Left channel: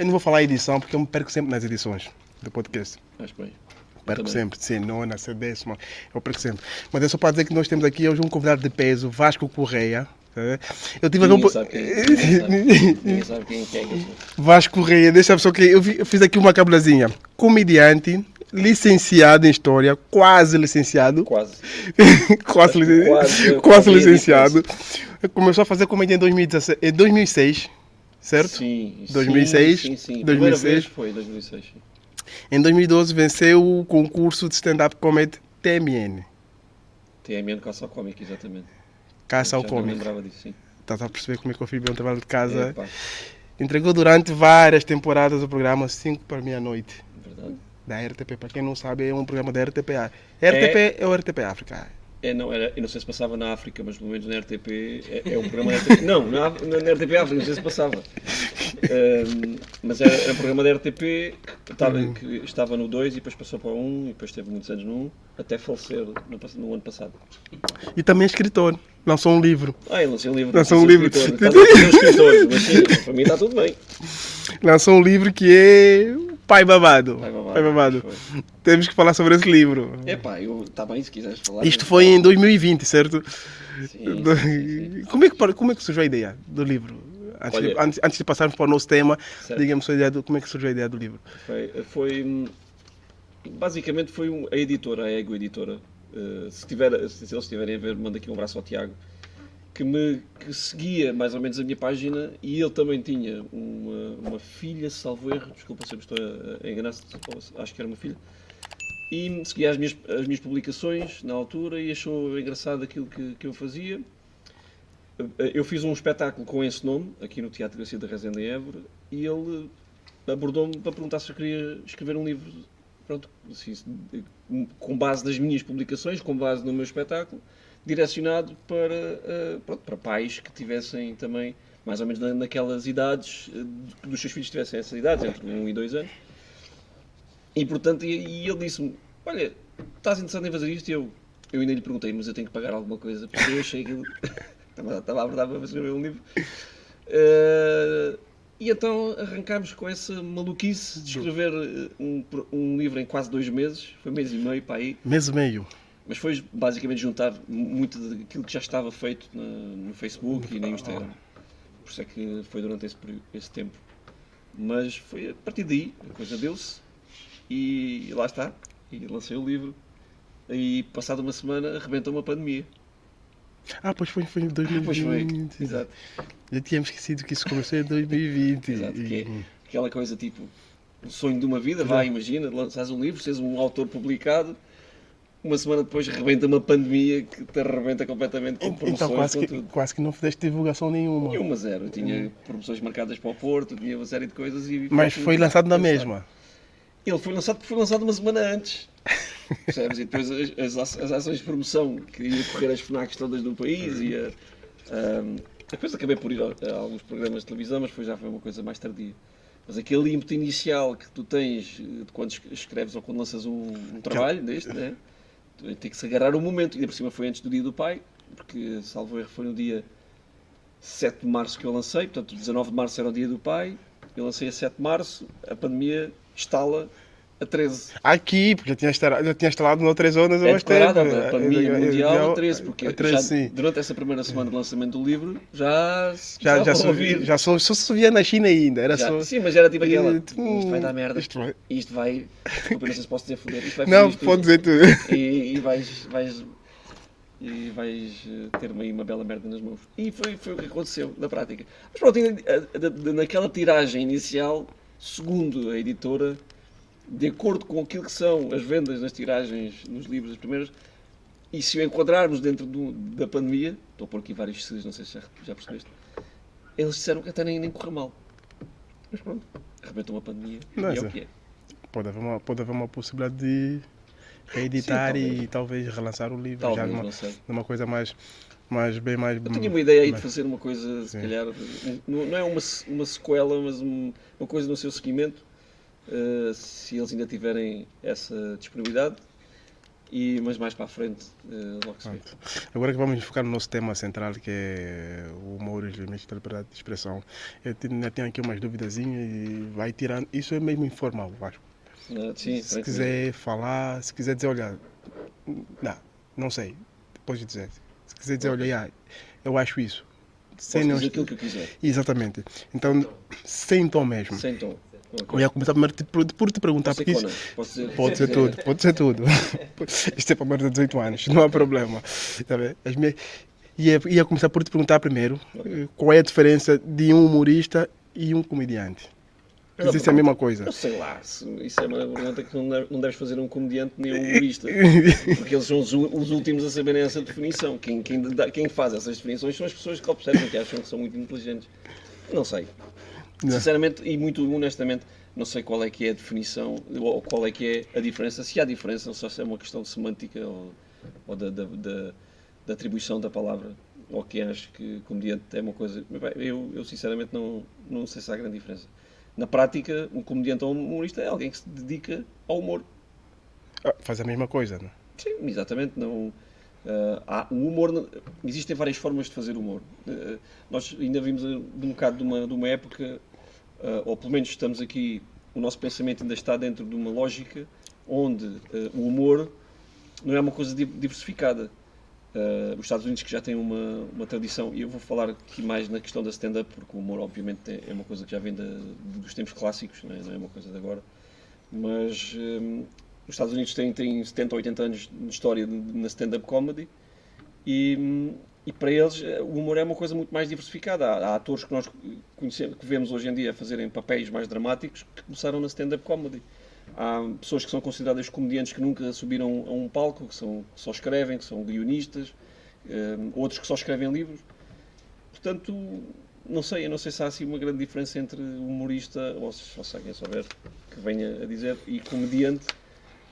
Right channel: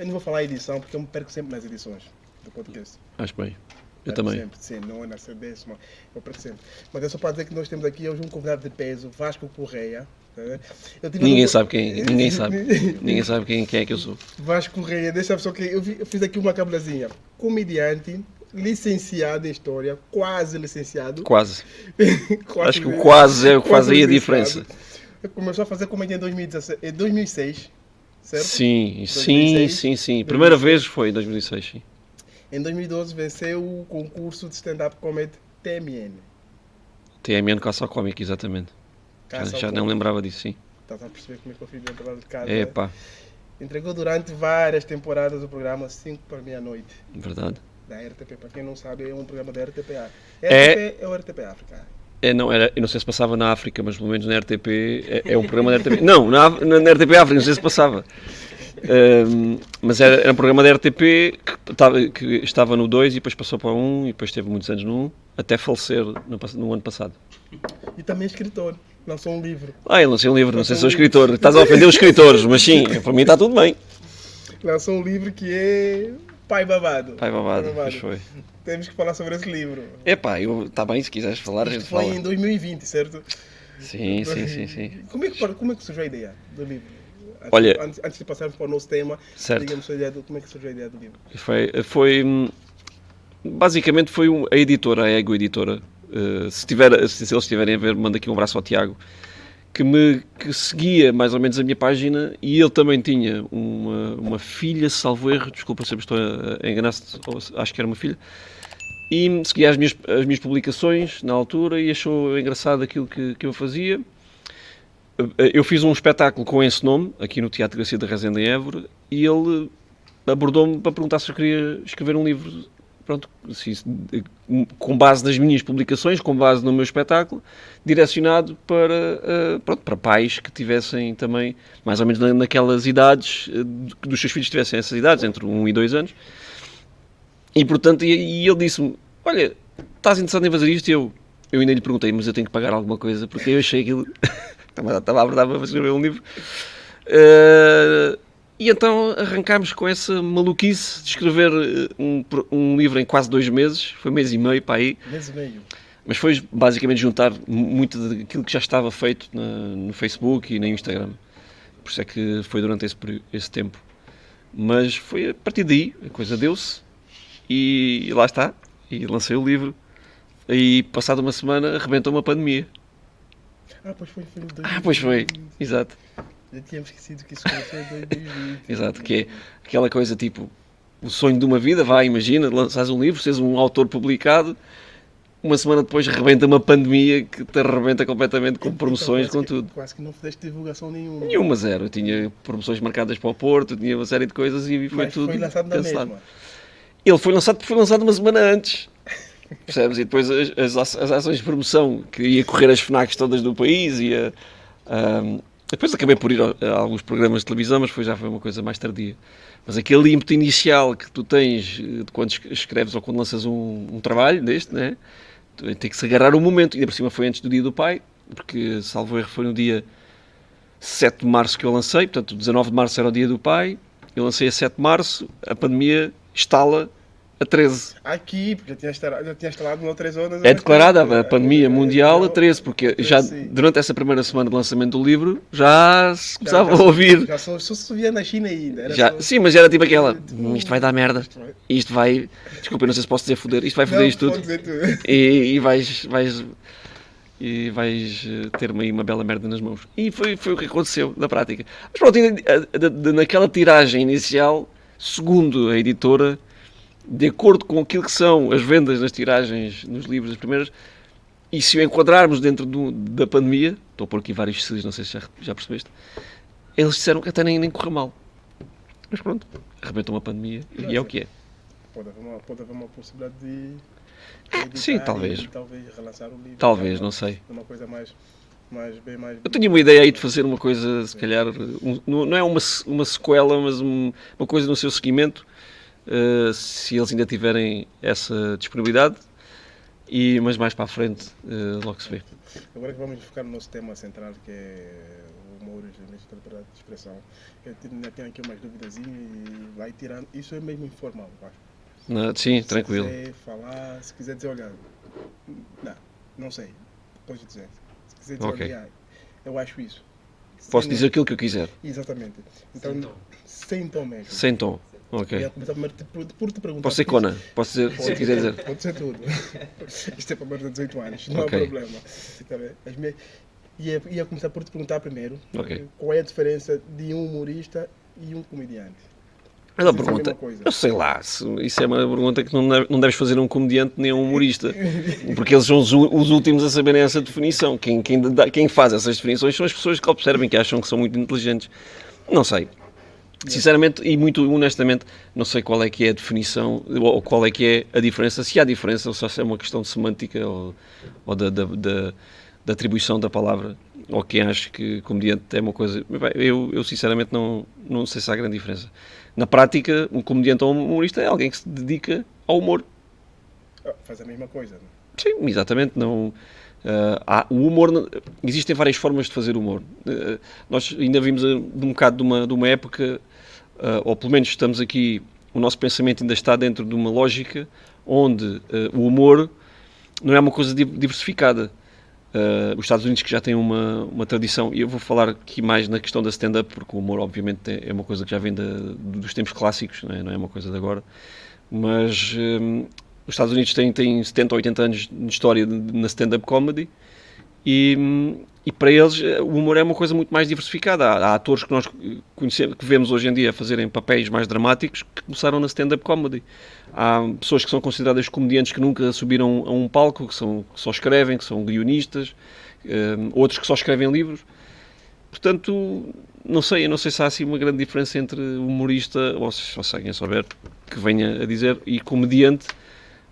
Eu não vou falar edição porque eu me perco sempre nas edições do podcast. Acho bem. Eu Perco também. sempre, sim, nona, décima, eu perco sempre. Mas é só para dizer que nós temos aqui hoje um convidado de peso, Vasco Correia. Eu tive Ninguém sabe quem é. Ninguém sabe. Ninguém sabe quem é que eu sou. Vasco Correia, deixa só que eu fiz aqui uma cabulazinha. Comediante, licenciado em História, quase licenciado. Quase. quase, Acho que quase é o quase quase a licenciado. diferença. Começou a fazer comédia em 2006, certo? Sim, 2006, sim. 2006. Primeira vez foi em 2006, sim. Em 2012 venceu o concurso de stand-up comedy TMN. TMN Caça ao Cómico, exatamente. Caça ao Já não Cómico. lembrava disso, sim. Estás a perceber como é que eu fiz bem o trabalho de casa? Epá, Entregou durante várias temporadas o programa 5 para meia-noite verdade. da RTP. Para quem não sabe, é um programa da RTPA. É- RTP é o RTP África. Não, eu não sei se passava na África, mas pelo menos na RTP é um programa da RTP. Não, na RTP África, não sei se passava. Mas era um programa da RTP que estava no 2 e depois passou para o 1 e depois teve muitos anos no 1, até falecer no ano passado. E também é escritor. Lançou um livro. Ele lancei um livro, não sei Lançou se um sou livro. escritor. Estás a fazer os escritores, mas sim, para mim está tudo bem. Lançou um livro que é Pai Babado. Pai babado. Pois foi. Temos que falar sobre esse livro. Está bem, se quiseres falar. Isto foi em 2020, certo? Sim. Como é que surgiu a ideia do livro? Olha- Antes de passarmos para o nosso tema, Certo. diga-me como é que surgiu a ideia do livro. Basicamente foi a editora, a Ego Editora. Se eles estiverem a ver, manda aqui um abraço ao Tiago, que seguia mais ou menos a minha página, e ele também tinha uma filha, salvo erro, desculpa se eu estou a enganar-se, acho que era uma filha, e seguia as minhas publicações na altura e achou engraçado aquilo que eu fazia. Eu fiz um espetáculo com esse nome, aqui no Teatro Garcia da Resende, em Évora, e ele abordou-me para perguntar se eu queria escrever um livro, pronto, com base nas minhas publicações, com base no meu espetáculo, direcionado para pais que tivessem também, mais ou menos naquelas idades, que dos seus filhos tivessem essas idades, entre 1 e 2 anos. E, portanto, e ele disse-me, olha, estás interessado em fazer isto? E eu ainda lhe perguntei, mas eu tenho que pagar alguma coisa, porque eu achei aquilo... Estava a verdade para escrever um livro. E então arrancámos com essa maluquice de escrever um livro em quase 2 meses. Foi 1 mês e meio para aí. Mês e meio. Mas foi basicamente juntar muito daquilo que já estava feito no Facebook e no Instagram. Por isso é que foi durante esse tempo. Mas foi a partir daí, a coisa deu-se. E lá está. E lancei o livro. E passada uma semana arrebentou uma pandemia. Pois foi em 2020. Pois foi, exato. Já tínhamos esquecido que isso começou em 2020. Exato, que é aquela coisa tipo, o sonho de uma vida, imagina, lanças um livro, seres um autor publicado, uma semana depois rebenta uma pandemia que te arrebenta completamente com promoções, então, com tudo. Quase que não fizeste divulgação nenhuma. Nenhuma, zero. Eu tinha promoções marcadas para o Porto, tinha uma série de coisas e Mas tudo foi lançado na cancelado. mesma. Ele foi lançado porque foi lançado uma semana antes. Percebes? E depois as ações de promoção, que ia correr as FNACs todas do país, depois acabei por ir a alguns programas de televisão, mas já foi uma coisa mais tardia. Mas aquele ímpeto inicial que tu tens de quando escreves ou quando lanças um trabalho deste, né? Tem que se agarrar o momento. E ainda por cima foi antes do Dia do Pai, porque, salvo erro, foi no dia 7 de março que eu lancei, portanto 19 de março era o Dia do Pai, eu lancei a 7 de março, a pandemia estala a 13. Aqui, porque já tinha instalado no 3 horas. É declarada a pandemia mundial a 13, porque a 13, já sim. durante essa primeira semana de lançamento do livro já se começava a ouvir. Já só se via na China ainda. Era só... Sim, mas era tipo aquela, Tipo, isto vai dar merda, isto vai, desculpa, eu não sei se posso dizer foder, isto vai Não, foder isto pode tudo. dizer tudo. E vais ter-me aí uma bela merda nas mãos. E foi o que aconteceu na prática. Mas pronto, naquela tiragem inicial, segundo a editora, de acordo com aquilo que são as vendas nas tiragens nos livros, as primeiras, e se o enquadrarmos dentro da pandemia, estou a pôr aqui vários cílios, não sei se já percebeste, eles disseram que até nem correu mal. Mas pronto, arrebentou uma pandemia e é o que é. Pode haver uma possibilidade de editar sim, talvez. E talvez relançar o livro. Talvez, não sei. Uma coisa mais. Eu tinha uma ideia aí de fazer uma coisa, se calhar, não é uma sequela, mas uma coisa no seu seguimento, se eles ainda tiverem essa disponibilidade. Mas mais para a frente, logo se vê. Agora que vamos focar no nosso tema central, que é o humor e os limites da liberdade de expressão, ainda tenho aqui umas duvidazinhas e vai tirando. Isso é mesmo informal, acho. Sim, Se tranquilo. quiser falar, se quiser dizer, olha, não sei, depois de dizer. Se quiser dizer, Ok. olha, eu acho isso. Posso Sem dizer aquilo que eu quiser, Exatamente. Então, sem tom mesmo. sem tom. Ok. Eu ia começar primeiro por te perguntar. Posso ser porque Conan? Posso dizer, Pode se ser quiser tudo, dizer. pode ser tudo. Isto é para mais de 18 anos, não há Ok. problema. Tá bem? Ia começar por te perguntar primeiro Ok. qual é a diferença de um humorista e um comediante. Mas a Isso é a pergunta- mesma coisa. Eu sei lá, isso é uma pergunta que não deves fazer a um comediante nem a um humorista. Porque eles são os últimos a saberem essa definição. Quem faz essas definições são as pessoas que observam, que acham que são muito inteligentes. Não sei. Sinceramente e muito honestamente, não sei qual é que é a definição ou qual é que é a diferença, se há diferença ou se é uma questão de semântica ou da atribuição da palavra, ou quem acha que comediante é uma coisa. Bem, eu sinceramente não sei se há grande diferença. Na prática, um comediante ou um humorista é alguém que se dedica ao humor. Faz a mesma coisa, não? Sim, exatamente. Não, o humor, existem várias formas de fazer humor. Nós ainda vimos de um bocado de uma época, ou pelo menos estamos aqui, o nosso pensamento ainda está dentro de uma lógica onde o humor não é uma coisa diversificada. Os Estados Unidos, que já têm uma tradição, e eu vou falar aqui mais na questão da stand-up, porque o humor, obviamente, é uma coisa que já vem dos tempos clássicos, não é uma coisa de agora, mas os Estados Unidos têm 70 ou 80 anos de história na stand-up comedy e para eles o humor é uma coisa muito mais diversificada. Há atores que nós conhecemos, que vemos hoje em dia a fazerem papéis mais dramáticos que começaram na stand-up comedy. Há pessoas que são consideradas comediantes que nunca subiram a um palco, que só escrevem, que são guionistas, outros que só escrevem livros. Portanto, eu não sei se há assim uma grande diferença entre humorista, ou se alguém souber que venha a dizer, e comediante,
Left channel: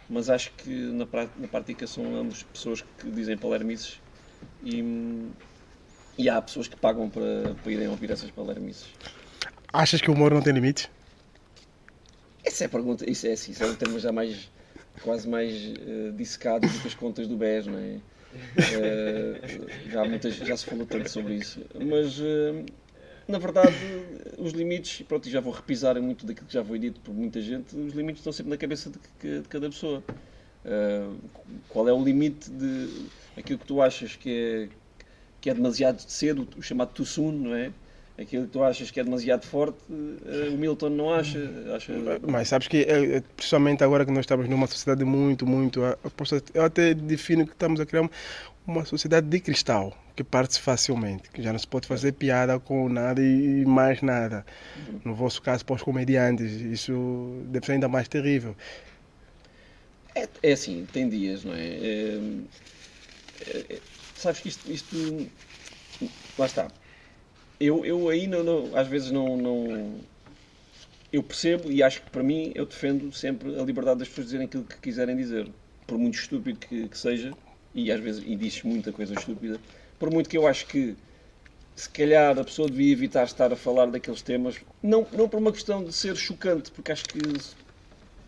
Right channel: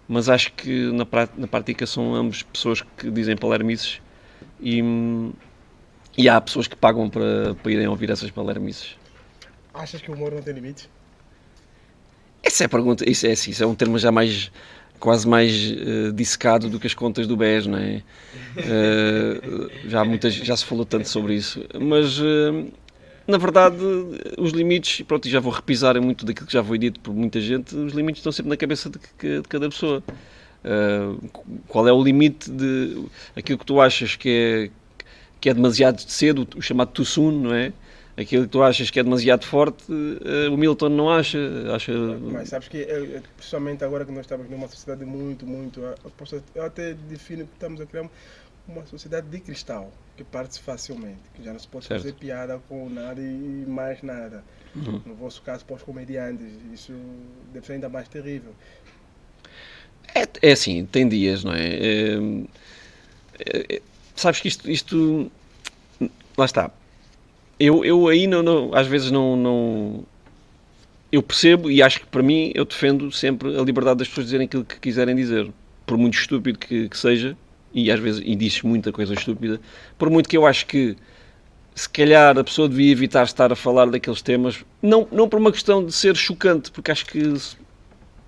mas acho que na prática são ambos pessoas que dizem palermices e há pessoas que pagam para irem ouvir essas palermices. Achas que o humor não tem limites? Essa é a pergunta, isso é um termo já quase mais dissecado do que as contas do BES, não é? Já se falou tanto sobre isso, mas na verdade os limites, pronto, e já vou repisar muito daquilo que já foi dito por muita gente, os limites estão sempre na cabeça de cada pessoa. Qual é o limite de aquilo que tu achas que é demasiado cedo, o chamado too soon, não é? Aquilo que tu achas que é demasiado forte, o Milton não acha. Mas sabes que, principalmente agora que nós estamos numa sociedade muito, eu até defino que estamos a criar uma sociedade de cristal, que parte facilmente, que já não se pode fazer piada com nada e mais nada. No vosso caso, para os comediantes, isso deve ser ainda mais terrível. É assim, tem dias, não é? Sabes que isto lá está. Eu aí às vezes não. Eu percebo e acho que para mim eu defendo sempre a liberdade das pessoas dizerem aquilo que quiserem dizer, por muito estúpido que seja, e às vezes diz muita coisa estúpida, por muito que eu acho que se calhar a pessoa devia evitar estar a falar daqueles temas, não por uma questão de ser chocante, porque acho que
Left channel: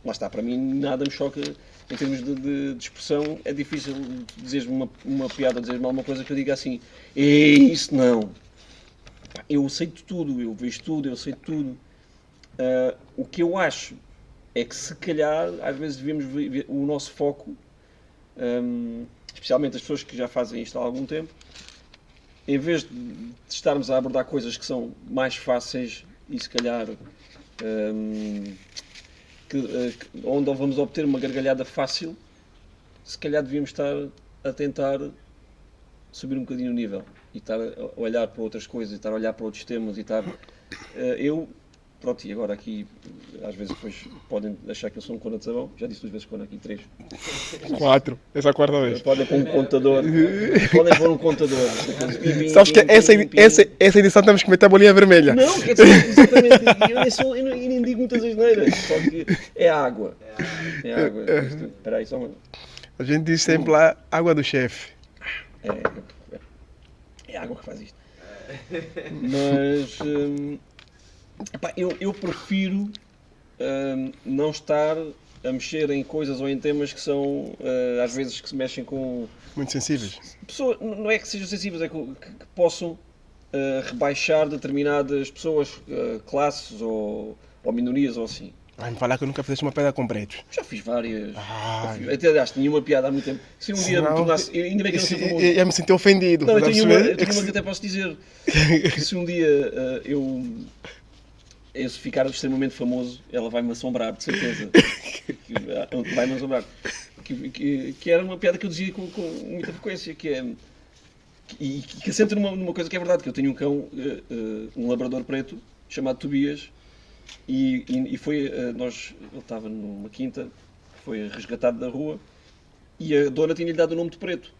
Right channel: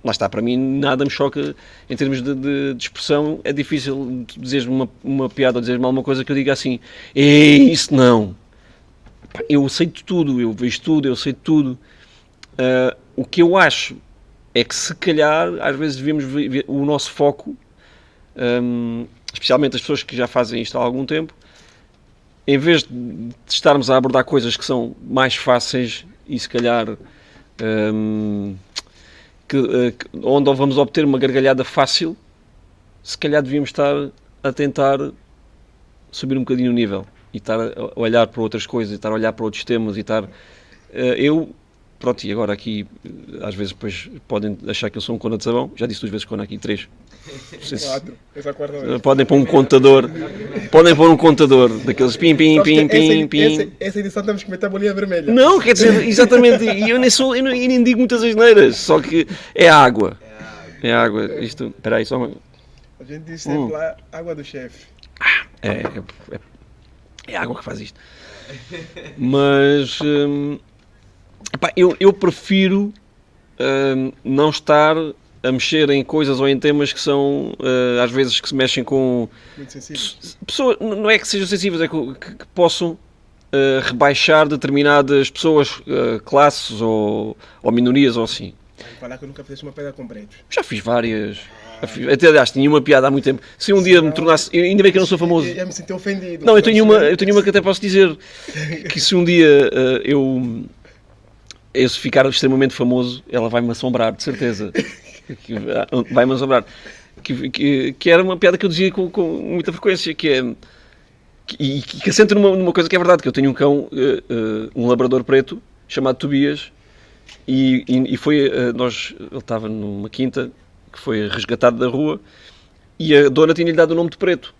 lá está, para mim nada me choca em termos de expressão. É difícil dizeres-me uma piada ou dizeres-me alguma coisa que eu diga assim, isso não. Eu sei de tudo, eu vejo tudo, eu sei de tudo. O que eu acho é que se calhar às vezes devíamos ver o nosso foco, especialmente as pessoas que já fazem isto há algum tempo, em vez de estarmos a abordar coisas que são mais fáceis e se calhar onde vamos obter uma gargalhada fácil, se calhar devíamos estar a tentar subir um bocadinho o nível e estar a olhar para outras coisas, estar a olhar para outros temas e estar... Pronto, e agora aqui, às vezes depois podem achar que eu sou um cona de sabão. Já disse 2 vezes cona aqui, 3. 4, essa é a quarta vez. Podem pôr um contador. Podem pôr um contador daqueles pim, pim, Sabes pim, que pim. essa edição temos que meter a bolinha vermelha. Não, quer dizer, exatamente. E eu nem digo muitas asneiras, só que é água. É água. Isto, espera aí, só uma... A gente diz sempre lá, água do chefe. É a água que faz isto. Mas eu prefiro não estar a mexer em coisas ou em temas que são, às vezes, que se mexem com Muito sensíveis. pessoas, não é que sejam sensíveis, é que possam rebaixar determinadas pessoas, classes ou minorias ou assim. Vai-me falar que nunca fizeste uma pedra com pretos. Já fiz várias. Ah, Até, aliás, tinha uma piada há muito tempo. Se um dia me Senão- tornasse. Ainda bem que eu não sou famoso. Eu me senti ofendido. Não, Estás a perceber? eu tenho uma que até posso dizer. Que se um dia eu se ficar extremamente famoso, ela vai-me assombrar, de certeza. Vai-me assombrar. Que era uma piada que eu dizia com muita frequência, que é... que assenta numa coisa que é verdade, que eu tenho um cão, um labrador preto, chamado Tobias, e foi, ele estava numa quinta, que foi resgatado da rua, e a dona tinha-lhe dado o nome de Preto.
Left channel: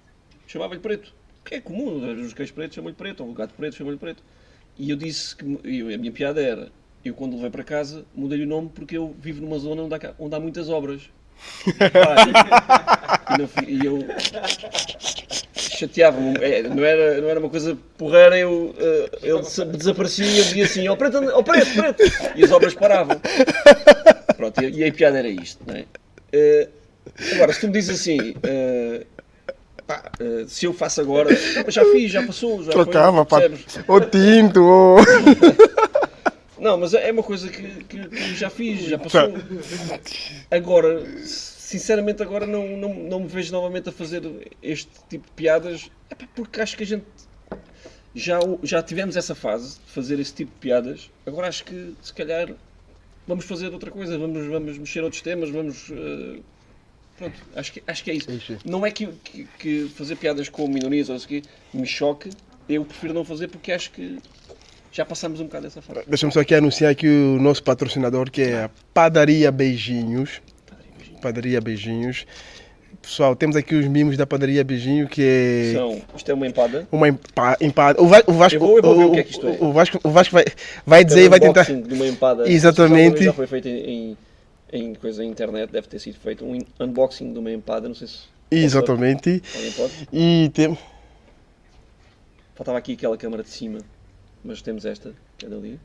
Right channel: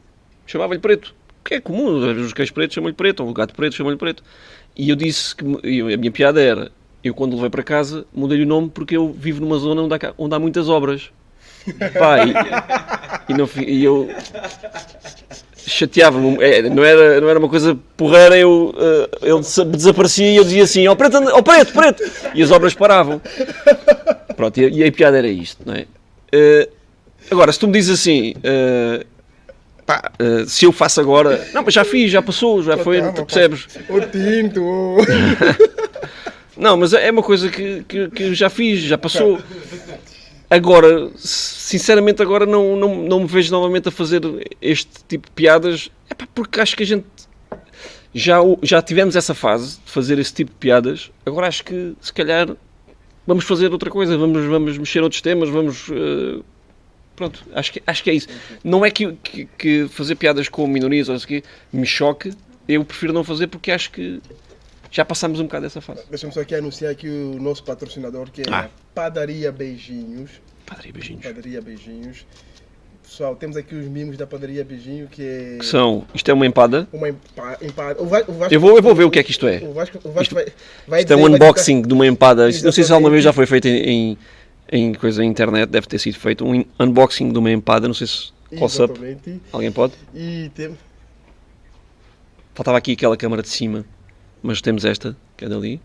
Chamava-lhe Preto. Que é comum, os cães pretos chamam-lhe Preto, ou o gato preto chamam-lhe Preto. E eu disse que, a minha piada era, eu quando o levei para casa, mudei-lhe o nome porque eu vivo numa zona onde há muitas obras. Pá, e eu chateava-me, não era uma coisa porreira, ele desaparecia e eu dizia assim, ó preto, preto, e as obras paravam. Pronto, e a piada era isto, não é? Agora, se tu me dizes assim, se eu faço agora, não, mas já fiz, já passou, já foi, Calma, percebes? O tinto, ô. Não, mas é uma coisa que eu já fiz, já passou. Agora, sinceramente, agora não me vejo novamente a fazer este tipo de piadas, porque acho que a gente já tivemos essa fase de fazer esse tipo de piadas. Agora acho que, se calhar, vamos fazer outra coisa, vamos mexer outros temas, pronto, acho que é isso. Sim. Não é que fazer piadas com minorias ou isso aqui me choque, eu prefiro não fazer porque acho que já passámos um bocado dessa fase. Deixa-me só aqui anunciar aqui o nosso patrocinador, que é a Padaria Beijinhos. Padaria Beijinhos. Padaria Beijinhos. Pessoal, temos aqui os mimos da Padaria Beijinho, que é... Isto é uma empada. Uma empada. O Vasco, Eu vou ver o que é que isto é. O Vasco vai Isto é dizer... um vai tentar- unboxing de uma empada. Não sei se alguma Exatamente. vez já foi feito em coisa na internet, deve ter sido feito um unboxing de uma empada, não sei se Exatamente. alguém pode. E tem... Faltava aqui aquela câmara de cima, mas temos esta, que é dali.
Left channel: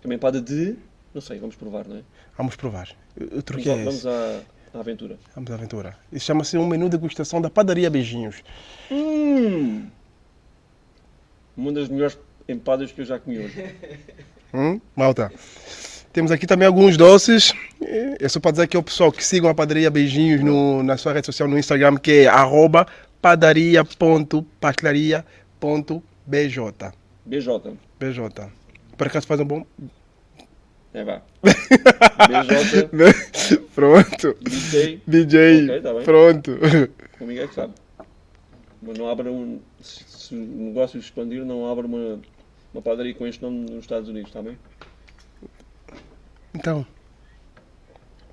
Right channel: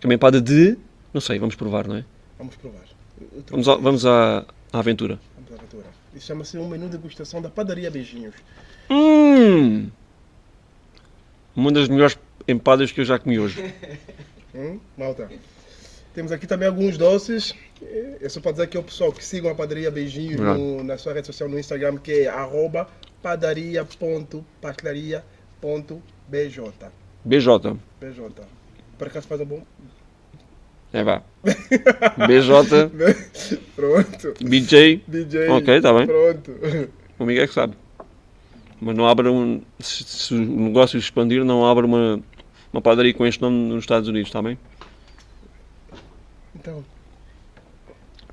Que é uma empada de... não sei, vamos provar, não é? Vamos provar. Eu trouxe Vamos esse. à aventura. Vamos à aventura. Isso chama-se um menu degustação da Padaria Beijinhos. Uma das melhores empadas que eu já comi hoje. Malta. Temos aqui também alguns doces. É só para dizer aqui ao pessoal que sigam a Padaria Beijinhos na sua rede social, no Instagram, que é @padaria.pastelaria.bj. BJ. BJ. Por acaso faz um bom... É vá. BJ, Pronto. BJ. DJ. Ok, tá bem. Pronto. O Miguel é que sabe. Mas não abre se o negócio expandir, não abre uma padaria com este nome nos Estados Unidos, está bem? Então,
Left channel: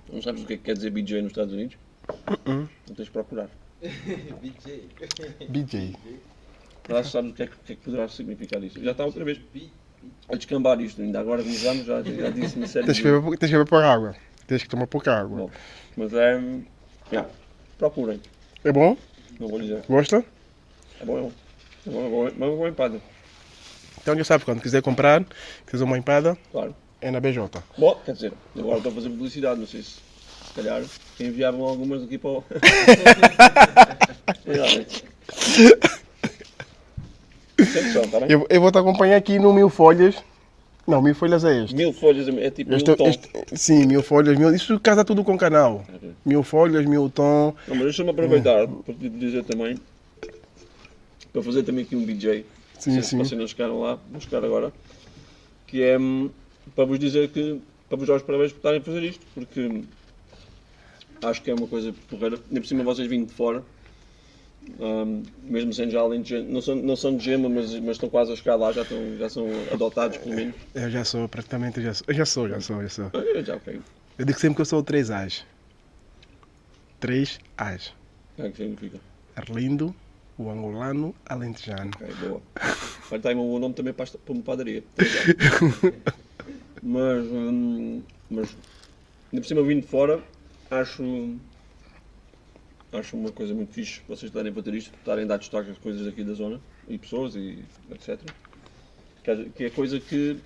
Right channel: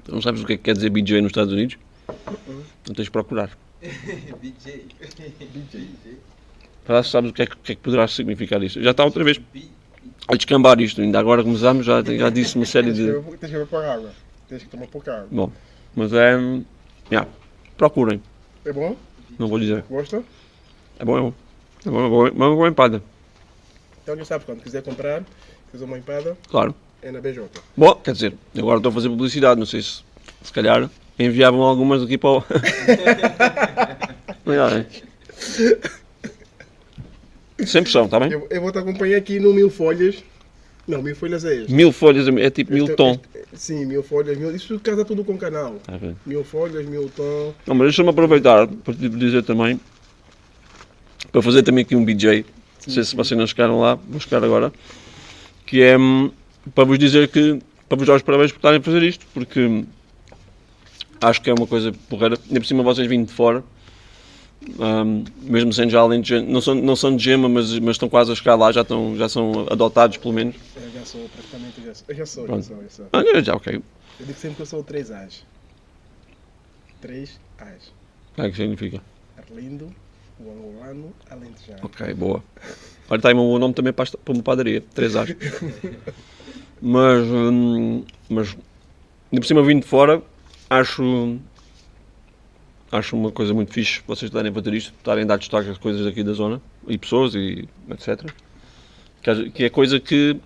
Não sabes o que é que quer dizer BJ nos Estados Unidos? Não tens de procurar. BJ. Para sabes o que é que poderá significar isso. Já está outra vez a descambar isto. Ainda agora começámos, já disse uma série Tens de... que beber pouca água. Tens que tomar pouca água. Bom, mas é... procurem. É bom? Não vou dizer. Gosta? É bom, é bom. É bom, é bom. É uma boa empada. Então já sabe, quando quiser comprar, quiser uma empada, Claro. é na BJ. Bom, quer dizer, agora estou a fazer publicidade. Não sei se calhar enviavam algumas aqui para o... Cuidado, sempre são, está bem? Eu vou te acompanhar aqui no Mil Folhas. Não, Mil Folhas é este. 1000 folhas é tipo 1000 tom. Sim, 1000 folhas, isso casa tudo com o canal. Tá bem. 1000 folhas, 1000 tom. Não, mas deixa-me aproveitar para te dizer também, para fazer também aqui um BJ, Sim, não sei se sim. vocês não chegaram lá, vou chegar agora, que é para vos dizer que, para vos dar os parabéns por estarem a fazer isto, porque acho que é uma coisa porreira, ainda por cima vocês vindo de fora, mesmo sendo já alentejano, não são de Gema, mas estão quase a chegar lá, já são adotados pelo menos. Eu já sou, praticamente eu já sou. Olha, já ok. Eu digo sempre que eu sou o 3 As. 3 As. O que é que significa? Arlindo, o angolano, alentejano. Ok, boa. Olha, está aí um bom nome também para uma padaria, 3A. Mas ainda por cima vindo de fora, acho uma coisa muito fixe vocês estarem a fazer isto, estarem a dar destaque às coisas daqui da zona, e pessoas, e etc. Que é coisa que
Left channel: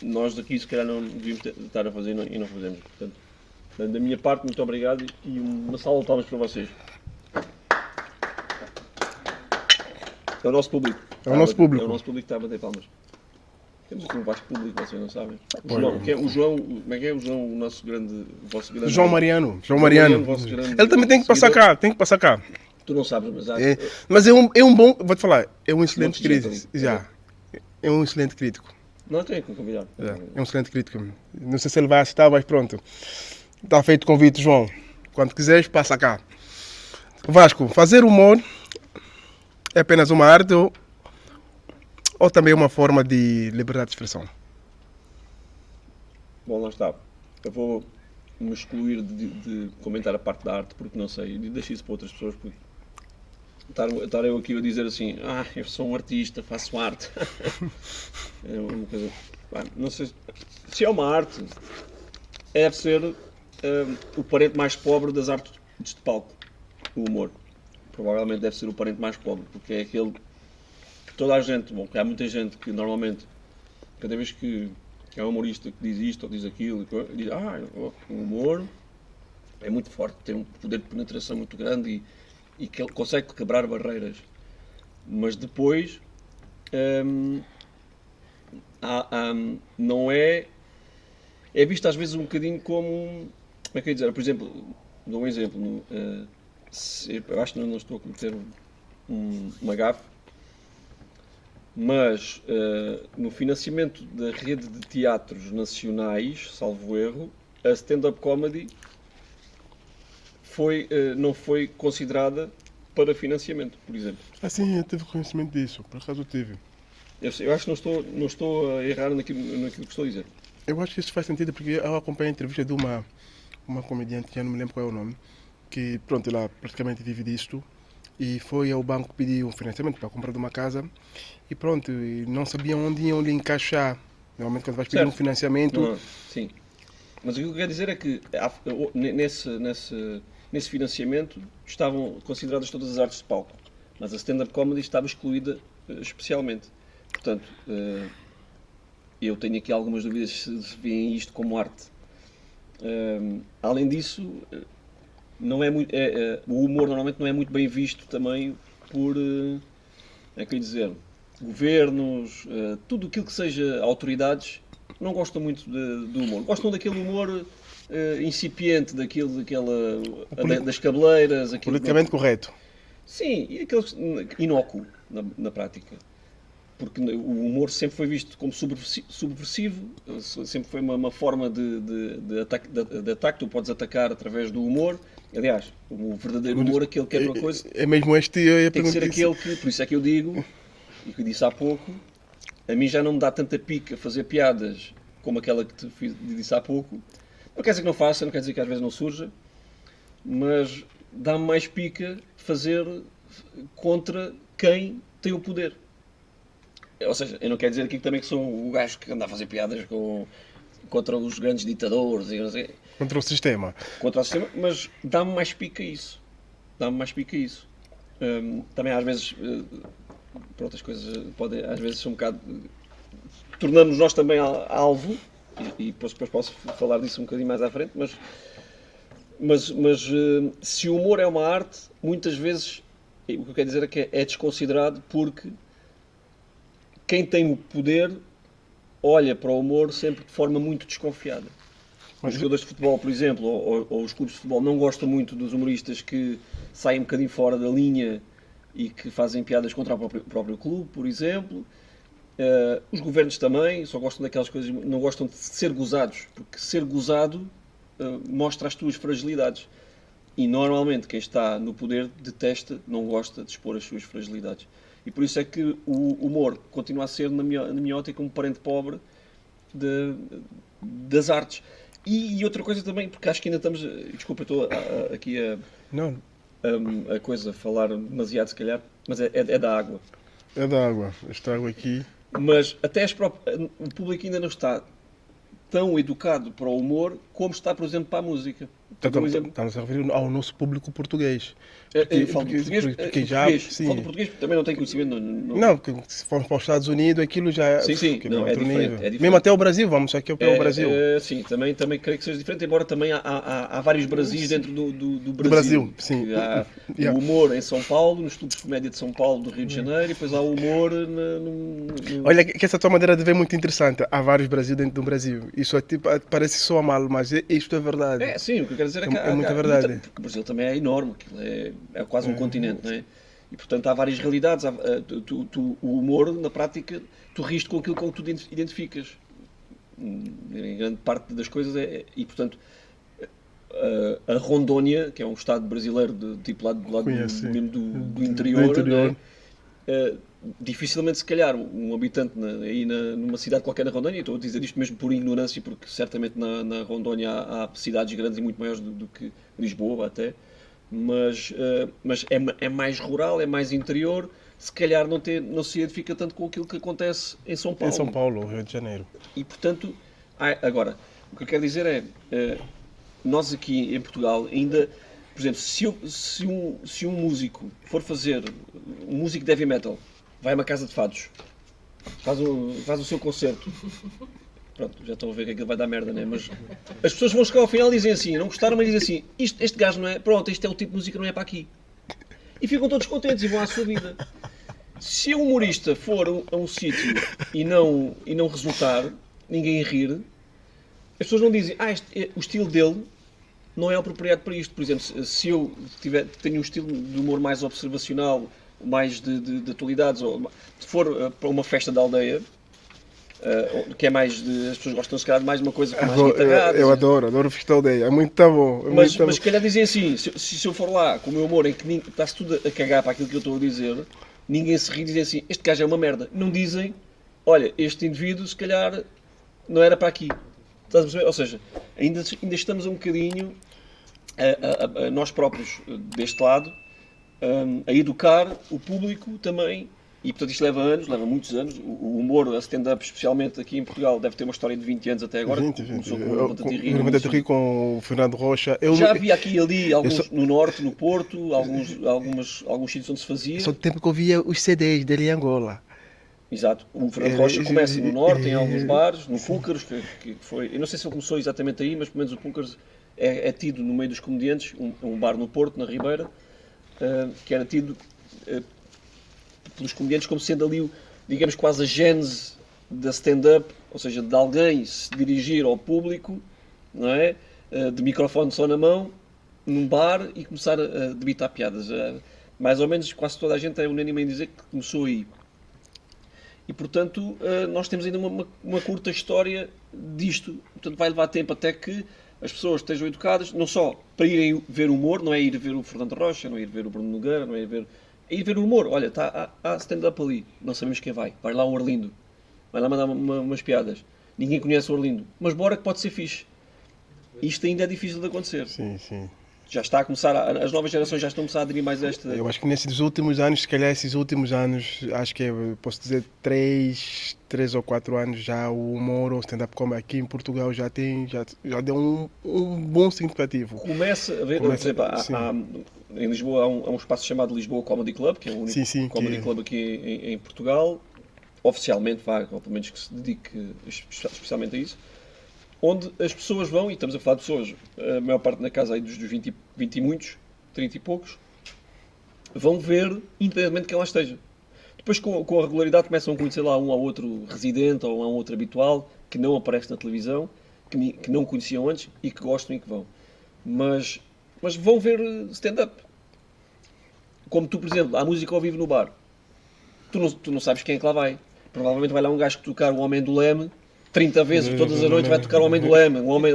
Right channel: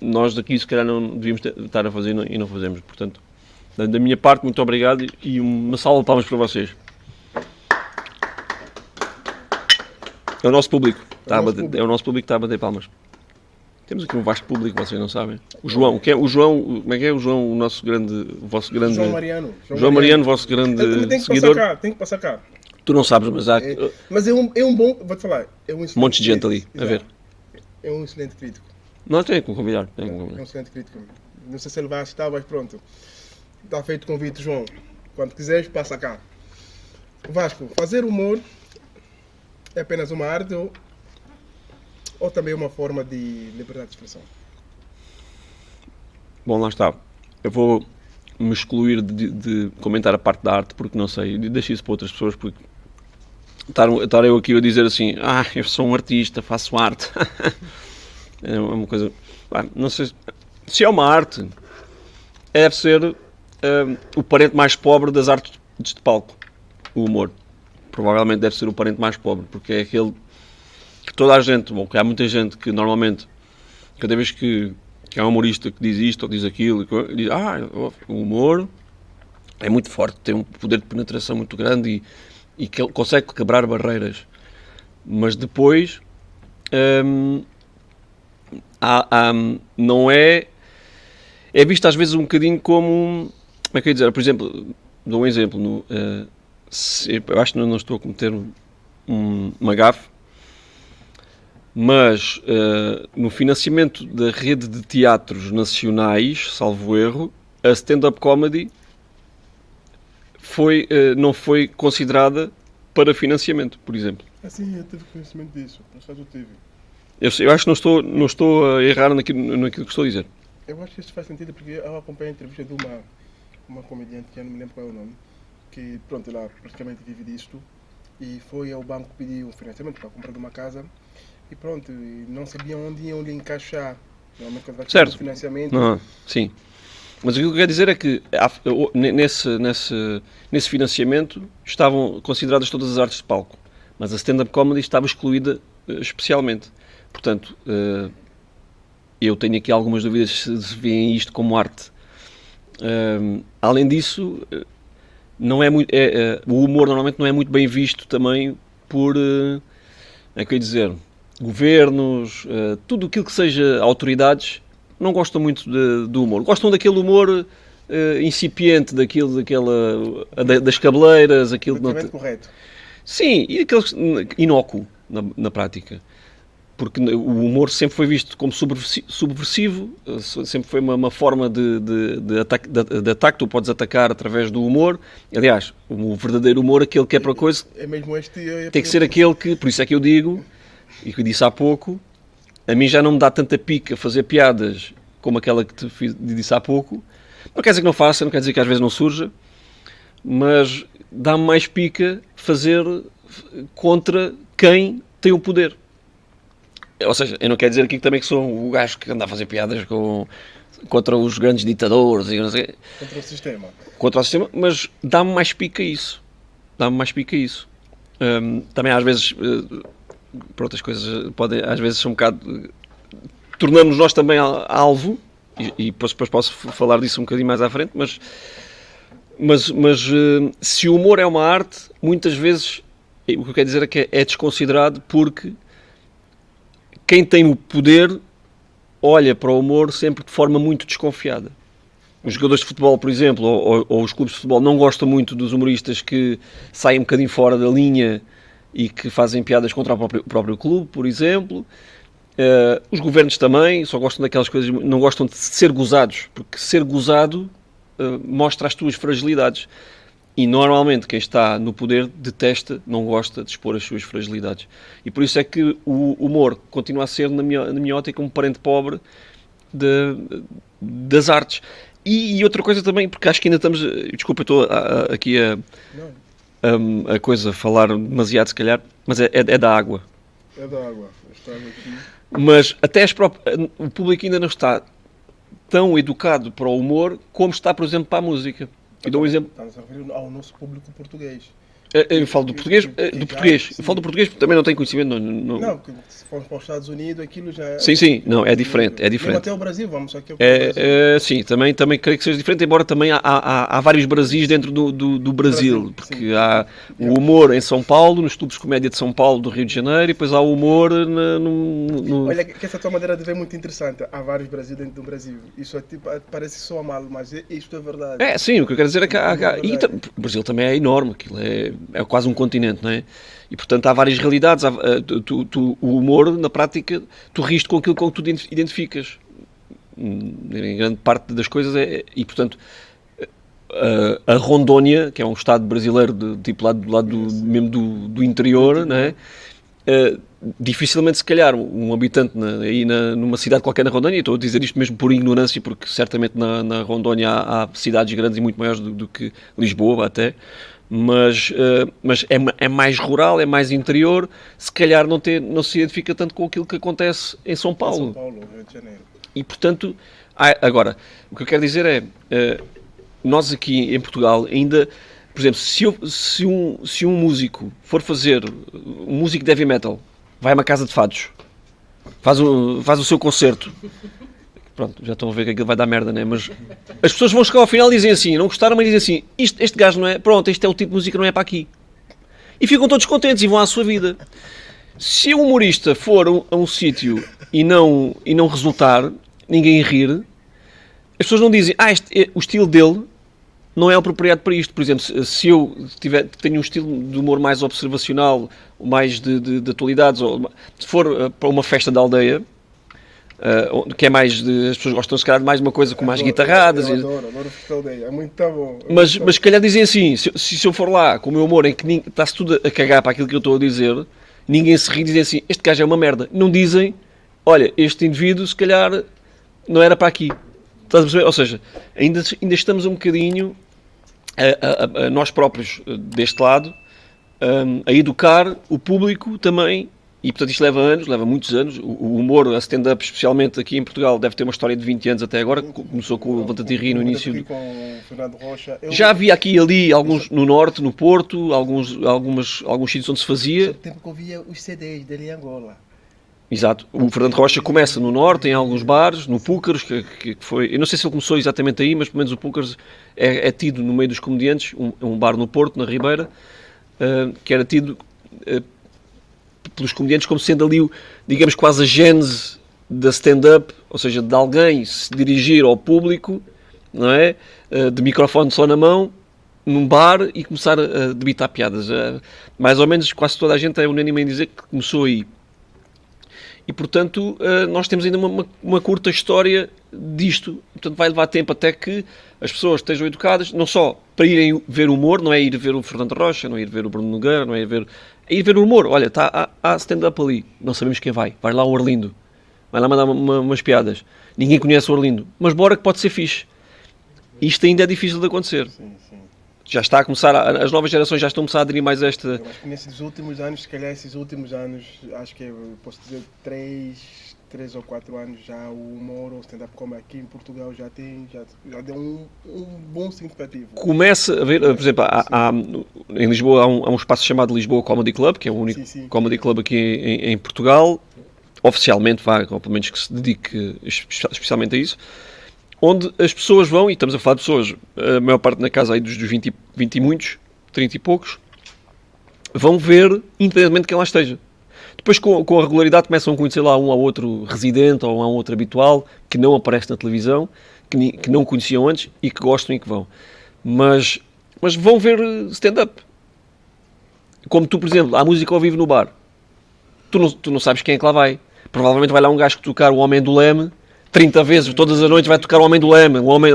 nós daqui se calhar não devíamos estar a fazer e não fazemos, portanto, Da minha parte, muito obrigado e uma salva de palmas para vocês. É o nosso público. É o nosso público. É o nosso público que está a bater palmas. Temos aqui um vasto público, vocês não sabem. O João, o João, como é que é o João, o vosso grande... João Mariano. João Mariano, vosso grande Ele também tem que seguidor. passar cá, Tu não sabes, mas há... Mas é um bom, vou-te falar, é um excelente monte de gente ali, crítico. a ver. É um excelente crítico. Não, tem que convidar. É um excelente crítico. Não sei se ele vai assistir, mas pronto. Está feito o convite, João. Quando quiseres, passa cá. Vasco, fazer humor é apenas uma arte ou também uma forma de liberdade de expressão? Bom, lá está. Eu vou me excluir de comentar a parte da arte porque não sei. Deixo isso para outras pessoas porque estar eu aqui a dizer assim, eu sou um artista, faço arte. É uma coisa... Não sei se é uma arte, deve ser o parente mais pobre das artes de palco, o humor. Provavelmente deve ser o parente mais pobre, porque é aquele que toda a gente, que há muita gente que normalmente, cada vez que há um humorista que diz isto ou diz aquilo, diz, o humor é muito forte, tem um poder de penetração muito grande e que ele consegue quebrar barreiras. Mas depois não é visto às vezes um bocadinho como, como é que eu ia dizer, por exemplo, dou um exemplo, eu acho que não estou a cometer uma gafe, mas no financiamento da rede de teatros nacionais, salvo erro, a stand-up comedy não foi considerada para financiamento, por exemplo. Sim, eu tive conhecimento disso, por acaso eu tive. Eu acho que não estou a errar naquilo que estou a dizer. Eu acho que isso faz sentido porque eu acompanhei a entrevista de uma comediante, que eu não me lembro qual é o nome, que pronto, ela praticamente vive disto e foi ao banco pedir um financiamento para comprar de uma casa e pronto, e não sabiam onde iam lhe encaixar. Normalmente quando vais pedir um financiamento... Sim. Mas o que eu quero dizer é que nesse financiamento estavam consideradas todas as artes de palco, mas a stand-up comedy estava excluída especialmente. Portanto, eu tenho aqui algumas dúvidas se veem isto como arte. Além disso, não é muito, o humor normalmente não é muito bem visto também por, governos, tudo aquilo que seja autoridades, não gostam muito do humor. Gostam daquele humor incipiente, das cabeleiras, aquilo... Politicamente correto. Sim, e aquele inócuo na prática. Porque o humor sempre foi visto como subversivo, sempre foi uma forma de ataque, tu podes atacar através do humor. Aliás, o verdadeiro humor, aquele que é para coisa, é mesmo este, tem que ser aquele que, por isso é que eu digo, e que eu disse há pouco, a mim já não me dá tanta pica fazer piadas como aquela que te disse há pouco. Não quer dizer que não faça, não quer dizer que às vezes não surja, mas dá-me mais pica fazer contra quem tem o poder. Ou seja, eu não quero dizer aqui também que sou o gajo que anda a fazer piadas contra os grandes ditadores e não sei. Contra o sistema. Contra o sistema, mas dá-me mais pica isso. Também às vezes, por outras coisas, às vezes ser um bocado... Tornamos nós também alvo, e depois posso falar disso um bocadinho mais à frente, mas se o humor é uma arte, muitas vezes, o que eu quero dizer é que é desconsiderado porque quem tem o poder olha para o humor sempre de forma muito desconfiada. Os jogadores de futebol, por exemplo, ou os clubes de futebol não gostam muito dos humoristas que saem um bocadinho fora da linha e que fazem piadas contra o próprio clube, por exemplo. Os governos também só gostam daquelas coisas, não gostam de ser gozados, porque ser gozado mostra as tuas fragilidades. E normalmente quem está no poder detesta, não gosta de expor as suas fragilidades. E por isso é que o humor continua a ser, na minha ótica, um parente pobre das artes. E outra coisa também, porque acho que ainda estamos... Desculpa, eu estou aqui a coisa, falar demasiado se calhar, mas é da água. É da água, esta água aqui... Mas até o público ainda não está tão educado para o humor como está, por exemplo, para a música. Estamos a referir ao nosso público português. Eu falo do português, eu falo do português porque também não tenho conhecimento. Não, se formos para os Estados Unidos, aquilo já é... Sim, não, é diferente. Mesmo até o Brasil, vamos aqui para o Brasil. Sim, também creio que seja diferente, embora também há vários Brasis dentro do Brasil. Porque há o humor em São Paulo, nos clubes de comédia de São Paulo, do Rio de Janeiro, e depois há o humor no... Olha, que essa tua maneira de ver é muito interessante. Há vários Brasil dentro do Brasil. Isso parece só mal, mas isto é verdade. Sim, o que eu quero dizer é que o Brasil também é enorme, aquilo é quase um continente, não é? E portanto há várias realidades. O humor, na prática, tu riste com aquilo com que tu identificas. Em grande parte das coisas e portanto a Rondônia, que é um estado brasileiro tipo lá do lado mesmo do interior, não é? Dificilmente, se calhar, um habitante numa cidade qualquer na Rondônia, estou a dizer isto mesmo por ignorância, porque certamente na Rondônia há cidades grandes e muito maiores do que Lisboa até, mas é mais rural, é mais interior, se calhar não se identifica tanto com aquilo que acontece em São Paulo. Em São Paulo, Rio de Janeiro. E portanto, agora, o que eu quero dizer é, nós aqui em Portugal ainda, por exemplo, se um músico for fazer um músico de heavy metal, vai a uma casa de fados, faz o seu concerto, pronto, já estão a ver que aquilo vai dar merda, né? Mas as pessoas vão chegar ao final e dizem assim, não gostaram, mas dizem assim, este gajo não é, pronto, este é o tipo de música, não é para aqui. E ficam todos contentes e vão à sua vida. Se o humorista for a um sítio e não resultar, ninguém rir, as pessoas não dizem, o estilo dele não é apropriado para isto. Por exemplo, se eu tenho um estilo de humor mais observacional, mais de atualidades, ou se for para uma festa da aldeia, que é mais as pessoas gostam se calhar de mais uma coisa com mais guitarradas. Eu adoro festa da aldeia, é muito bom. Mas se calhar dizem assim, se eu for lá com o meu humor em que está-se tudo a cagar para aquilo que eu estou a dizer, ninguém se ri e dizem assim, este gajo é uma merda. Não dizem, olha, este indivíduo se calhar não era para aqui. Estás a perceber? Ou seja, ainda estamos um bocadinho a nós próprios deste lado a educar o público também, e portanto isto leva muitos anos. O humor, a stand-up, especialmente aqui em Portugal, deve ter uma história de 20 anos até agora, começou com o Levanta-te e Ri no início. Levanta-te e Ri com o Fernando Rocha. Já havia aqui e ali, alguns no Norte, no Porto, alguns sítios onde se fazia. Só o tempo que eu via os CDs dele em Angola. Exato. O Fernando Rocha começa no Norte, em alguns bares, no Púlcaros, que foi... Eu não sei se ele começou exatamente aí, mas pelo menos o Púlcaros é tido no meio dos comediantes, um bar no Porto, na Ribeira, que era tido pelos comediantes como sendo ali, digamos, quase a gênese da stand-up, ou seja, de alguém se dirigir ao público, não é? De microfone só na mão, num bar e começar a debitar piadas. Mais ou menos quase toda a gente é unânime em dizer que começou aí. E, portanto, nós temos ainda uma curta história disto. Portanto, vai levar tempo até que as pessoas estejam educadas, não só para irem ver humor, não é ir ver o Fernando Rocha, não é ir ver o Bruno Nogueira, não é ir ver o humor. Olha, há stand-up ali, não sabemos quem vai. Vai lá o Arlindo, vai lá mandar umas piadas. Ninguém conhece o Arlindo, mas bora que pode ser fixe. Isto ainda é difícil de acontecer. Sim. Já está a começar, as novas gerações já estão a começar a aderir mais a esta... Eu acho que nesses últimos anos, se calhar esses últimos anos, acho que posso dizer 3 ou 4 anos já o humor ou stand-up comedy aqui em Portugal já deu um bom significativo. Começa a ver, por exemplo, em Lisboa há um espaço chamado Lisboa Comedy Club, que é o único comedy club aqui em Portugal, oficialmente, ou pelo menos que se dedique especialmente a isso, onde as pessoas vão, e estamos a falar de pessoas, a maior parte na casa aí dos 20 e muitos, 30 e poucos, vão ver, independentemente de quem lá esteja. Depois, com a regularidade, começam a conhecer lá um ou outro residente ou um ou outro habitual que não aparece na televisão, que não conheciam antes e que gostam e que vão. Mas vão ver stand-up. Como tu, por exemplo, há música ao vivo no bar. Tu não sabes quem é que lá vai. Provavelmente vai lá um gajo que tocar o Homem do Leme 30 vezes, todas as noites vai tocar o Homem do Leme, o Homem